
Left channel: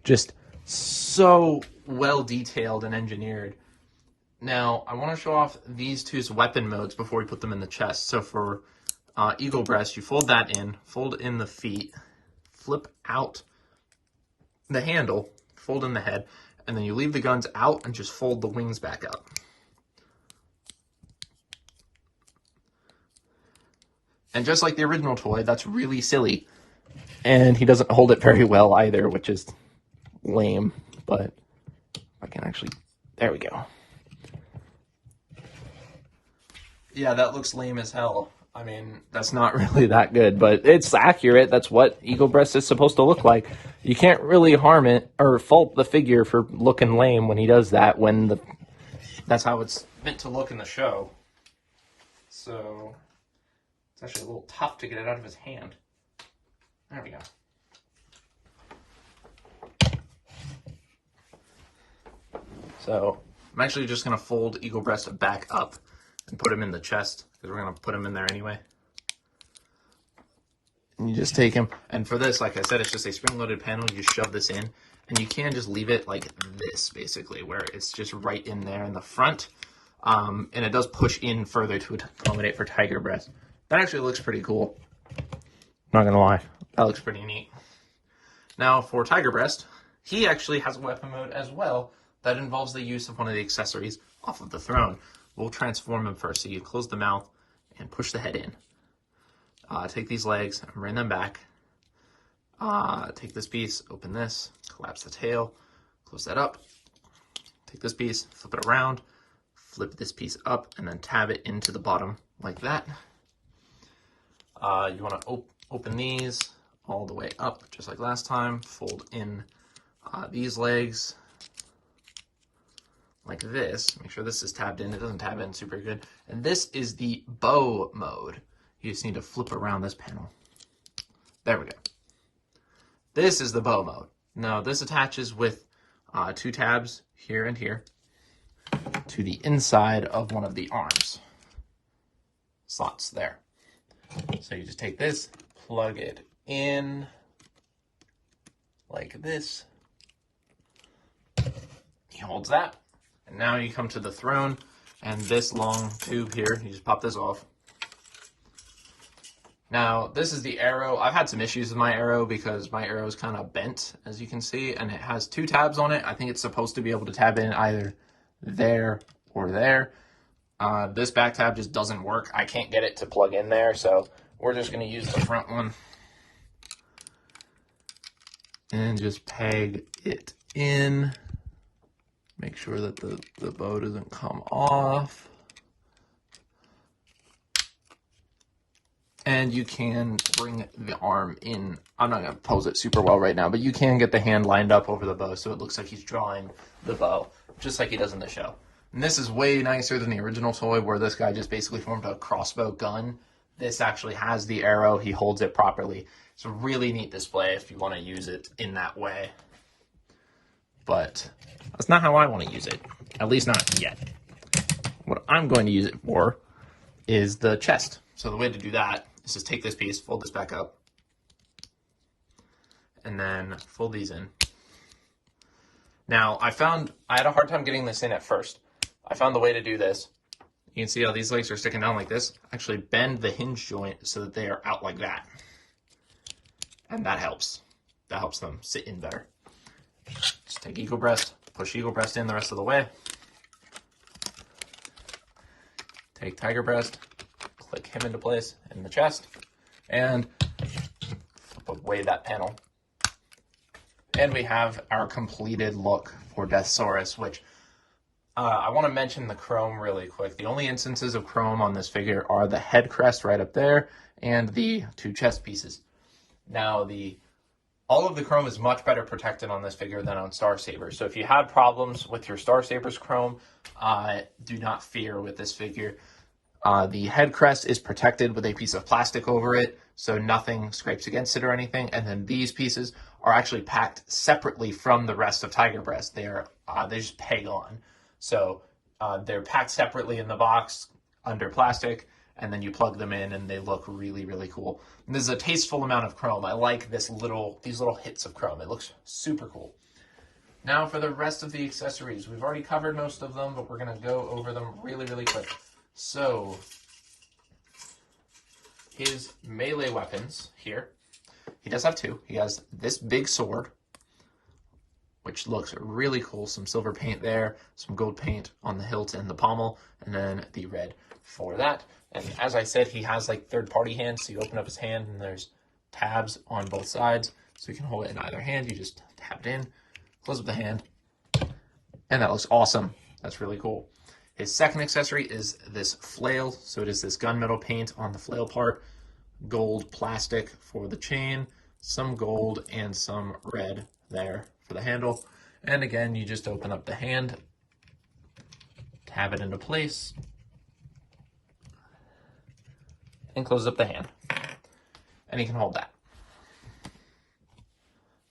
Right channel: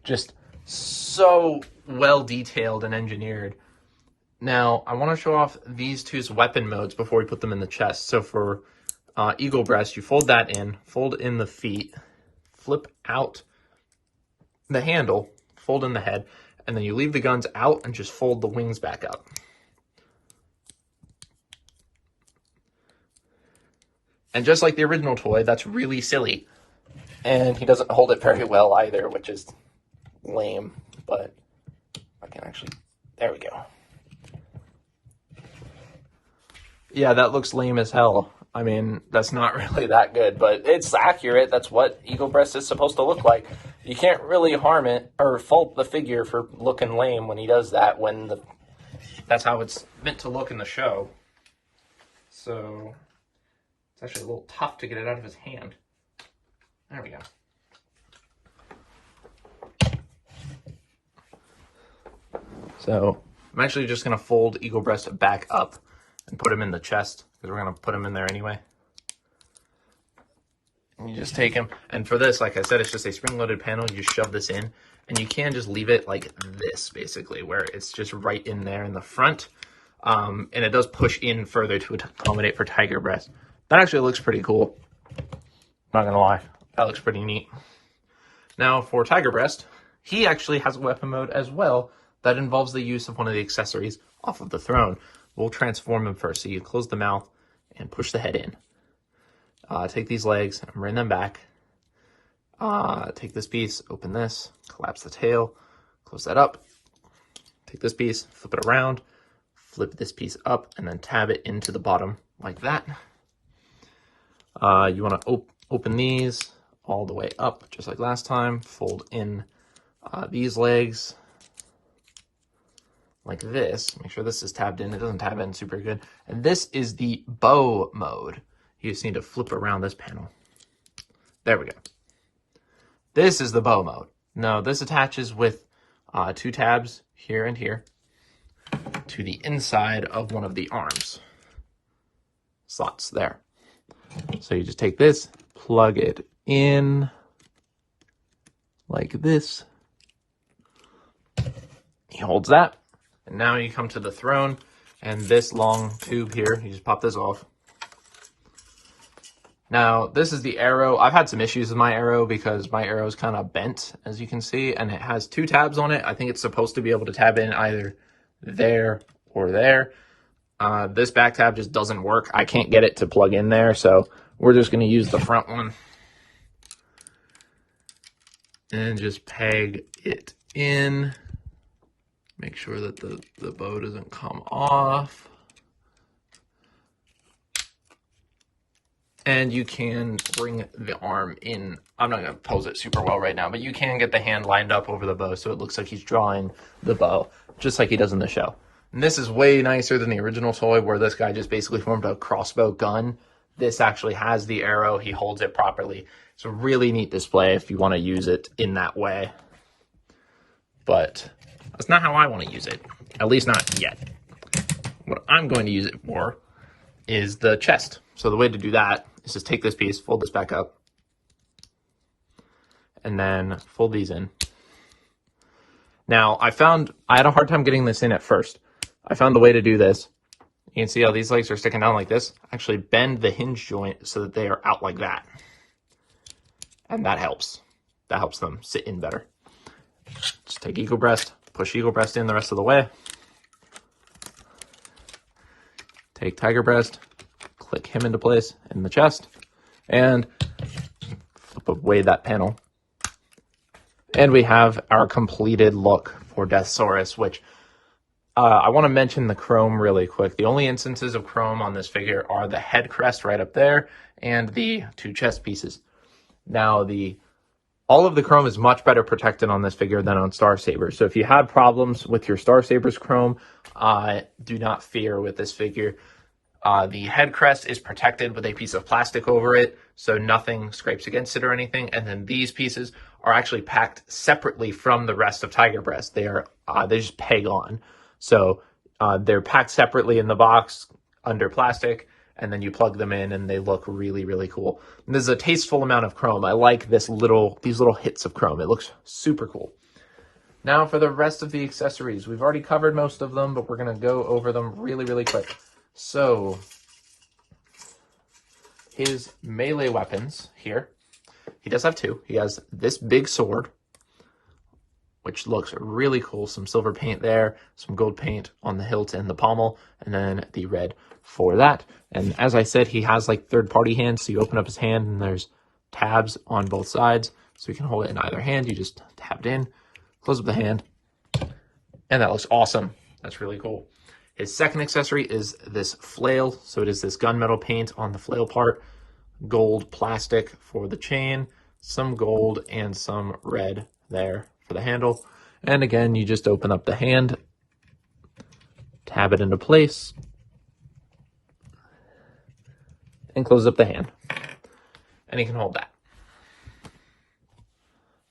just so well detailed and engineered. Now, I want to show off these 2's weapon modes before we put them in the chest. So for Eagle Breast, you fold that in, fold in the feet, flip out the handle, fold in the head, and then you leave the guns out and just fold the wings back up. And just like the original toy, that's really silly. And he doesn't hold it very well either, which is lame. But I can actually, there we go. Yeah, that looks lame as hell. I mean, that's not really that good, but it's accurate. That's what Eagle Breast is supposed to look like. You can't really harm it or fault the figure for looking lame when he does that, when that's how it's meant to look in the show. So it's actually a little tough to get it out of his hand. There we go. So I'm actually just going to fold Eagle Breast back up and put him in the chest, because we're going to put him in there anyway. And you just take him, and for this, like I said, it's just a spring-loaded panel. You just shove this in, and you can just leave it like this, basically, where it's just right in there in the front. And it does push in further to accommodate for Tiger Breast. That actually looks pretty cool. Not gonna lie, that looks pretty neat. Now for Tiger Breast, he actually has a weapon mode as well that involves the use of one of the accessories off of the throne. We'll transform him first. So you close the mouth and push the head in. Take these legs and bring them back. Take this piece, open this, collapse the tail, close that up. Take this piece, flip it around, flip this piece up, and then tab it into the bottom like that. You want to open these all the way up, just like last time. Fold in these legs like this. Make sure this is tabbed in. It doesn't tab in super good. And this is the bow mode. You just need to flip around this panel. There we go. This is the bow mode. Now, this attaches with 2 tabs here and here to the inside of one of the arms slots there. So you just take this, plug it in like this. He holds that. And now you come to the throne, and this long tube here, you just pop this off. Now, this is the arrow. I've had some issues with my arrow because my arrow is kind of bent, as you can see, and it has 2 tabs on it. I think it's supposed to be able to tab in either there or there. This back tab just doesn't work. I can't get it to plug in there, so we're just going to use the front one and just peg it in. Make sure that the bow doesn't come off. And you can bring the arm in. I'm not going to pose it super well right now, but you can get the hand lined up over the bow so it looks like he's drawing the bow, just like he does in the show. And this is way nicer than the original toy where this guy just basically formed a crossbow gun. This actually has the arrow. He holds it properly. It's a really neat display if you want to use it in that way. But that's not how I want to use it, at least not yet. What I'm going to use it for is the chest. So the way to do that is just take this piece, fold this back up, and then fold these in. Now, I had a hard time getting this in at first. I found the way to do this. You can see how these legs are sticking down like this. Actually bend the hinge joint so that they are out like that. And that helps. That helps them sit in better. Just take Eagle Breast, push Eagle Breast in the rest of the way. Take Tiger Breast, click him into place in the chest, and flip away that panel. And we have our completed look for Deathsaurus, which I want to mention the chrome really quick. The only instances of chrome on this figure are the head crest right up there and the 2 chest pieces. Now, all of the chrome is much better protected on this figure than on Star Saber. So if you had problems with your Star Saber's chrome, do not fear with this figure. The head crest is protected with a piece of plastic over it, so nothing scrapes against it or anything. And then these pieces are actually packed separately from the rest of Tiger Breast. They just peg on. So they're packed separately in the box under plastic, and then you plug them in and they look really, really cool. And this is a tasteful amount of chrome. I like these little hits of chrome. It looks super cool. Now for the rest of the accessories. We've already covered most of them, but we're going to go over them really, really quick. So his melee weapons here, he does have 2. He has this big sword, which looks really cool. Some silver paint there, some gold paint on the hilt and the pommel, and then the red for that. And as I said, he has like third-party hands, so you open up his hand and there's tabs on both sides, so you can hold it in either hand. You just tab it in, close up the hand, and that looks awesome. That's really cool. His second accessory is this flail. So it is this gunmetal paint on the flail part, gold plastic for the chain, some gold and some red there for the handle. And again, you just open up the hand, tab it into place, and close up the hand. And you can hold that. And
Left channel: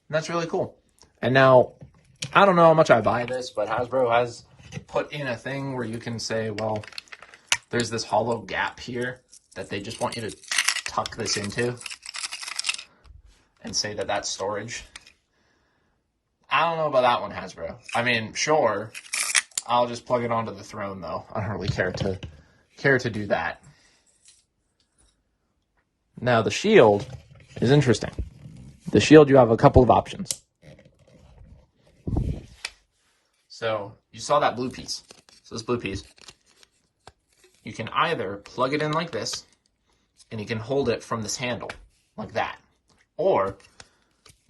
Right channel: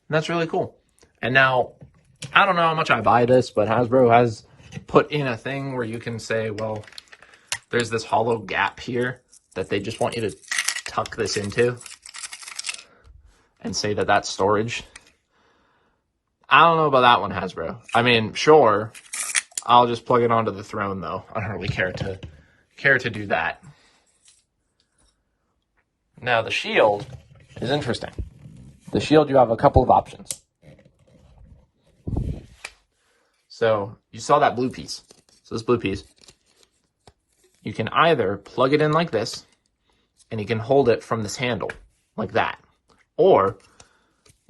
that's really cool. And now, I don't know how much I buy this, but Hasbro has put in a thing where you can say, well, there's this hollow gap here that they just want you to tuck this into and say that that's storage. I don't know about that one, Hasbro. I mean, sure, I'll just plug it onto the throne, though. I don't really care to do that. Now, the shield is interesting. The shield, you have a couple of options. So, you saw that blue piece. So, this blue piece, you can either plug it in like this, and you can hold it from this handle, like that. Or,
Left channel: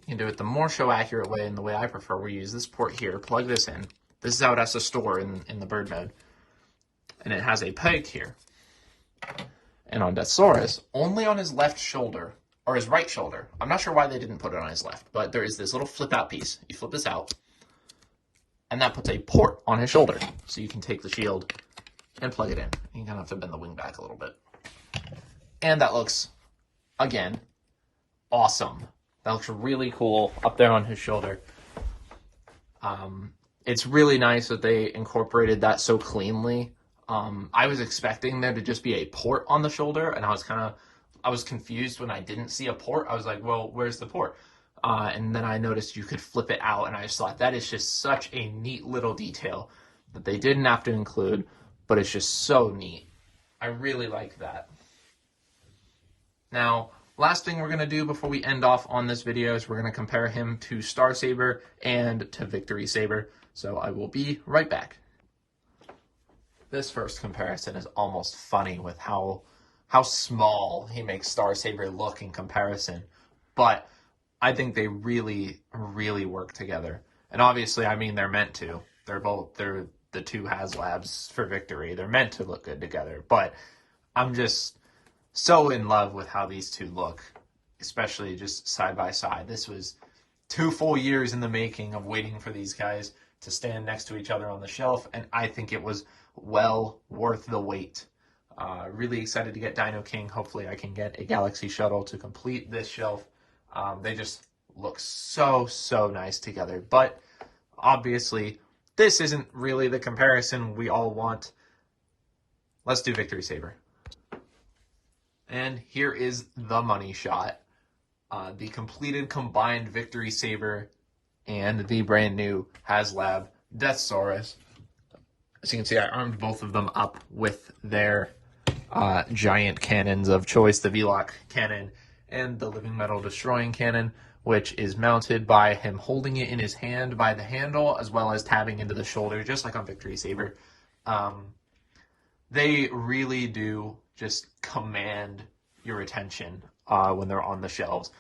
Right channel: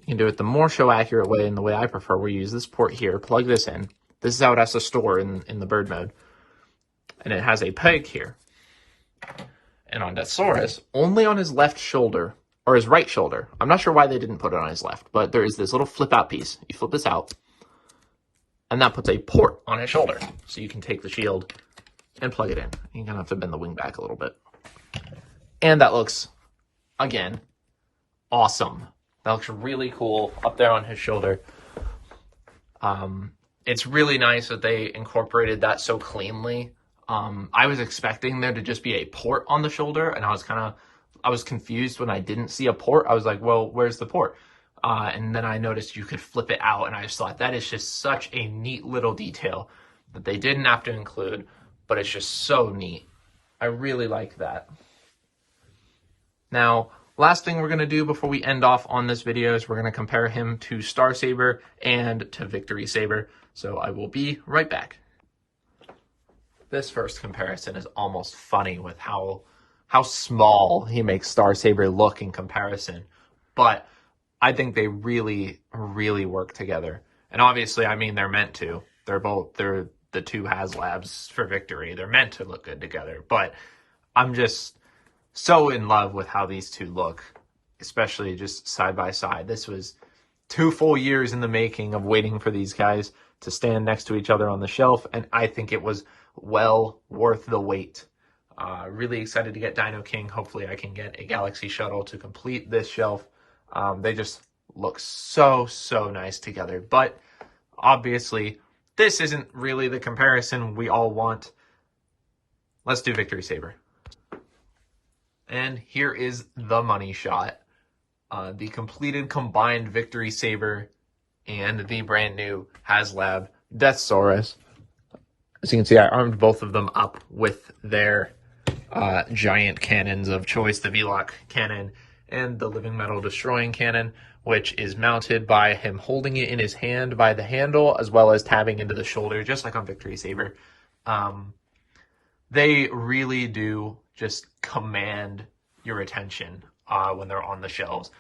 you can do it the more show accurate way, and the way I prefer, where you use this port here, plug this in. This is how it has to store in the bird mode. And it has a peg here. And on Deathsaurus, only on his left shoulder, or his right shoulder. I'm not sure why they didn't put it on his left, but there is this little flip out piece. You flip this out, and that puts a port on his shoulder. So you can take the shield and plug it in. You're gonna have to bend the wing back a little bit. And that looks, again, awesome. That looks really cool up there on his shoulder. It's really nice that they incorporated that so cleanly. I was expecting there to just be a port on the shoulder, and I was confused when I didn't see a port. I was like, well, where's the port? And then I noticed you could flip it out, and I just thought that is just such a neat little detail that they didn't have to include, but it's just so neat. I really like that. Now, last thing we're going to do before we end off on this video is we're going to compare him to Star Saber and to Victory Saber. So I will be right back. This first comparison is almost funny with how small he makes Star Saber look in comparison. But I think they really, really work together. And obviously, I mean, they're meant to. They're the two HasLabs for Victory. They're meant to look good together. But I'm just so in love with how these two look, especially just side by side. This was 2 full years in the making of waiting for these guys to stand next to each other on the shelf, and I think it was well worth the wait. Really excited to get Dino King. Hopefully I can get a Galaxy Shuttle to complete this shelf. They just look so, so nice together. But obviously, this isn't really the comparison we all want. Let's do Victory Saber. And here is the money shot. The completed combined Victory Saber and the brand new HasLab Deathsaurus. As you can see, I armed both of them up with their giant cannons of choice, the V-Lock cannon and the Living Metal Destroying cannon, which is mounted by him holding it in his hand by the handle, as well as tabbing into the shoulder, just like on Victory Saber. They really do just command your attention when they're on the shelves.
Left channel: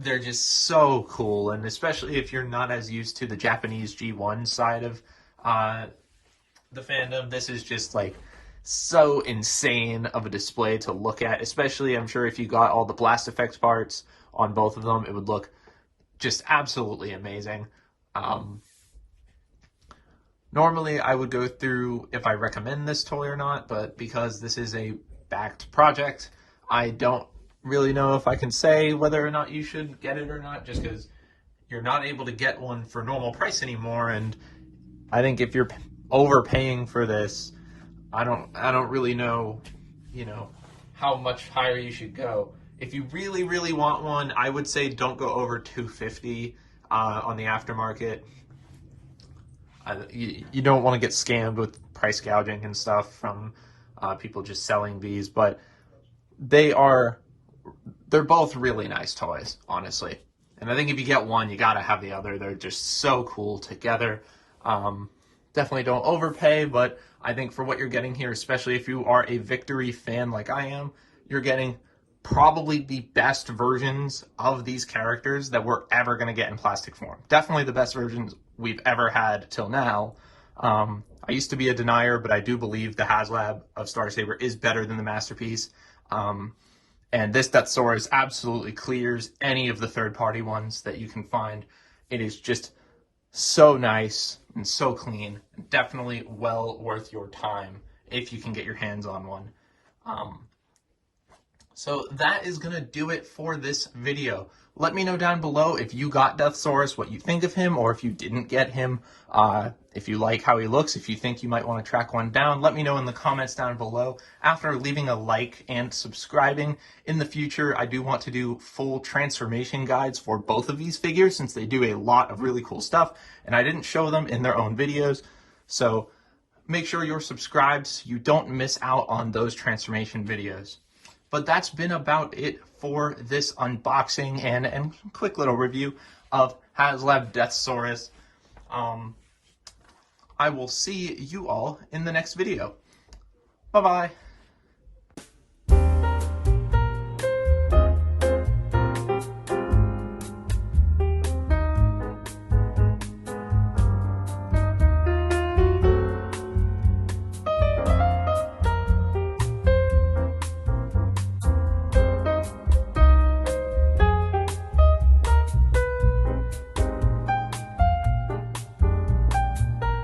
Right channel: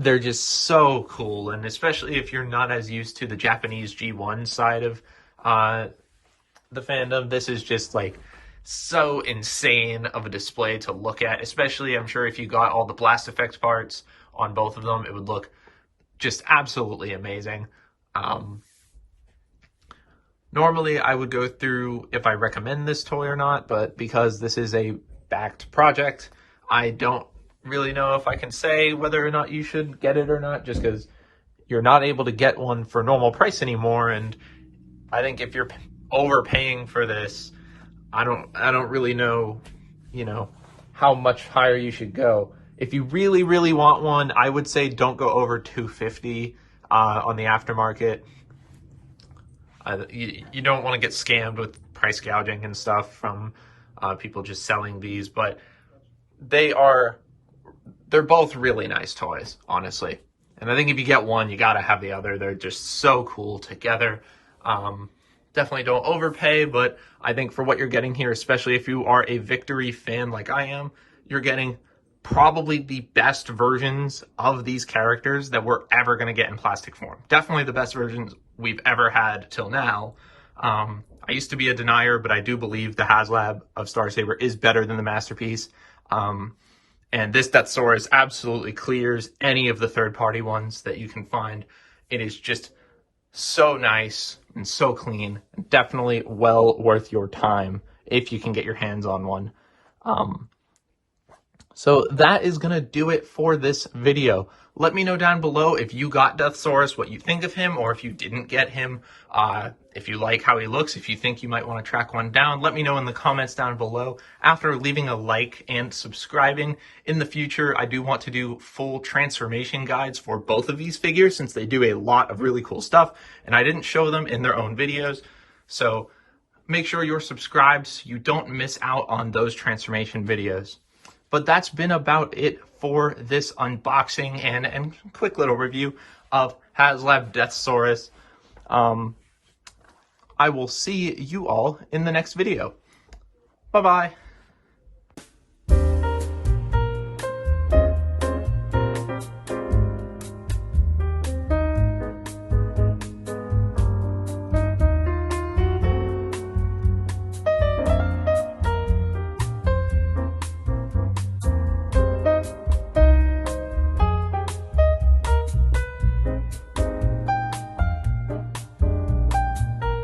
They're just so cool, and especially if you're not as used to the Japanese G1 side of the fandom, this is just like so insane of a display to look at. Especially, I'm sure if you got all the blast effects parts on both of them, it would look just absolutely amazing. Normally, I would go through if I recommend this toy or not, but because this is a backed project, I don't really know if I can say whether or not you should get it or not, just because you're not able to get one for normal price anymore. And I think if you're overpaying for this, I don't really know, how much higher you should go. If you really, really want one, I would say don't go over $250 on the aftermarket. You don't want to get scammed with price gouging and stuff from people just selling these, but they're both really nice toys, honestly. And I think if you get one, you gotta have the other. They're just so cool together. Definitely don't overpay, but I think for what you're getting here, especially if you are a Victory fan like I am, you're getting probably the best versions of these characters that we're ever going to get in plastic form. Definitely the best versions we've ever had till now. I used to be a denier, but I do believe the HasLab of Star Saber is better than the Masterpiece. And this Deathsaurus absolutely clears any of the third-party ones that you can find. It is just so nice and so clean, and definitely well worth your time if you can get your hands on one. So that is going to do it for this video. Let me know down below if you got Deathsaurus, what you think of him, or if you didn't get him, if you like how he looks, if you think you might want to track one down. Let me know in the comments down below. After leaving a like and subscribing, in the future, I do want to do full transformation guides for both of these figures, since they do a lot of really cool stuff, and I didn't show them in their own videos. So make sure you're subscribed so you don't miss out on those transformation videos. But that's been about it for this unboxing and quick little review of HasLab Deathsaurus. I will see you all in the next video. Bye-bye.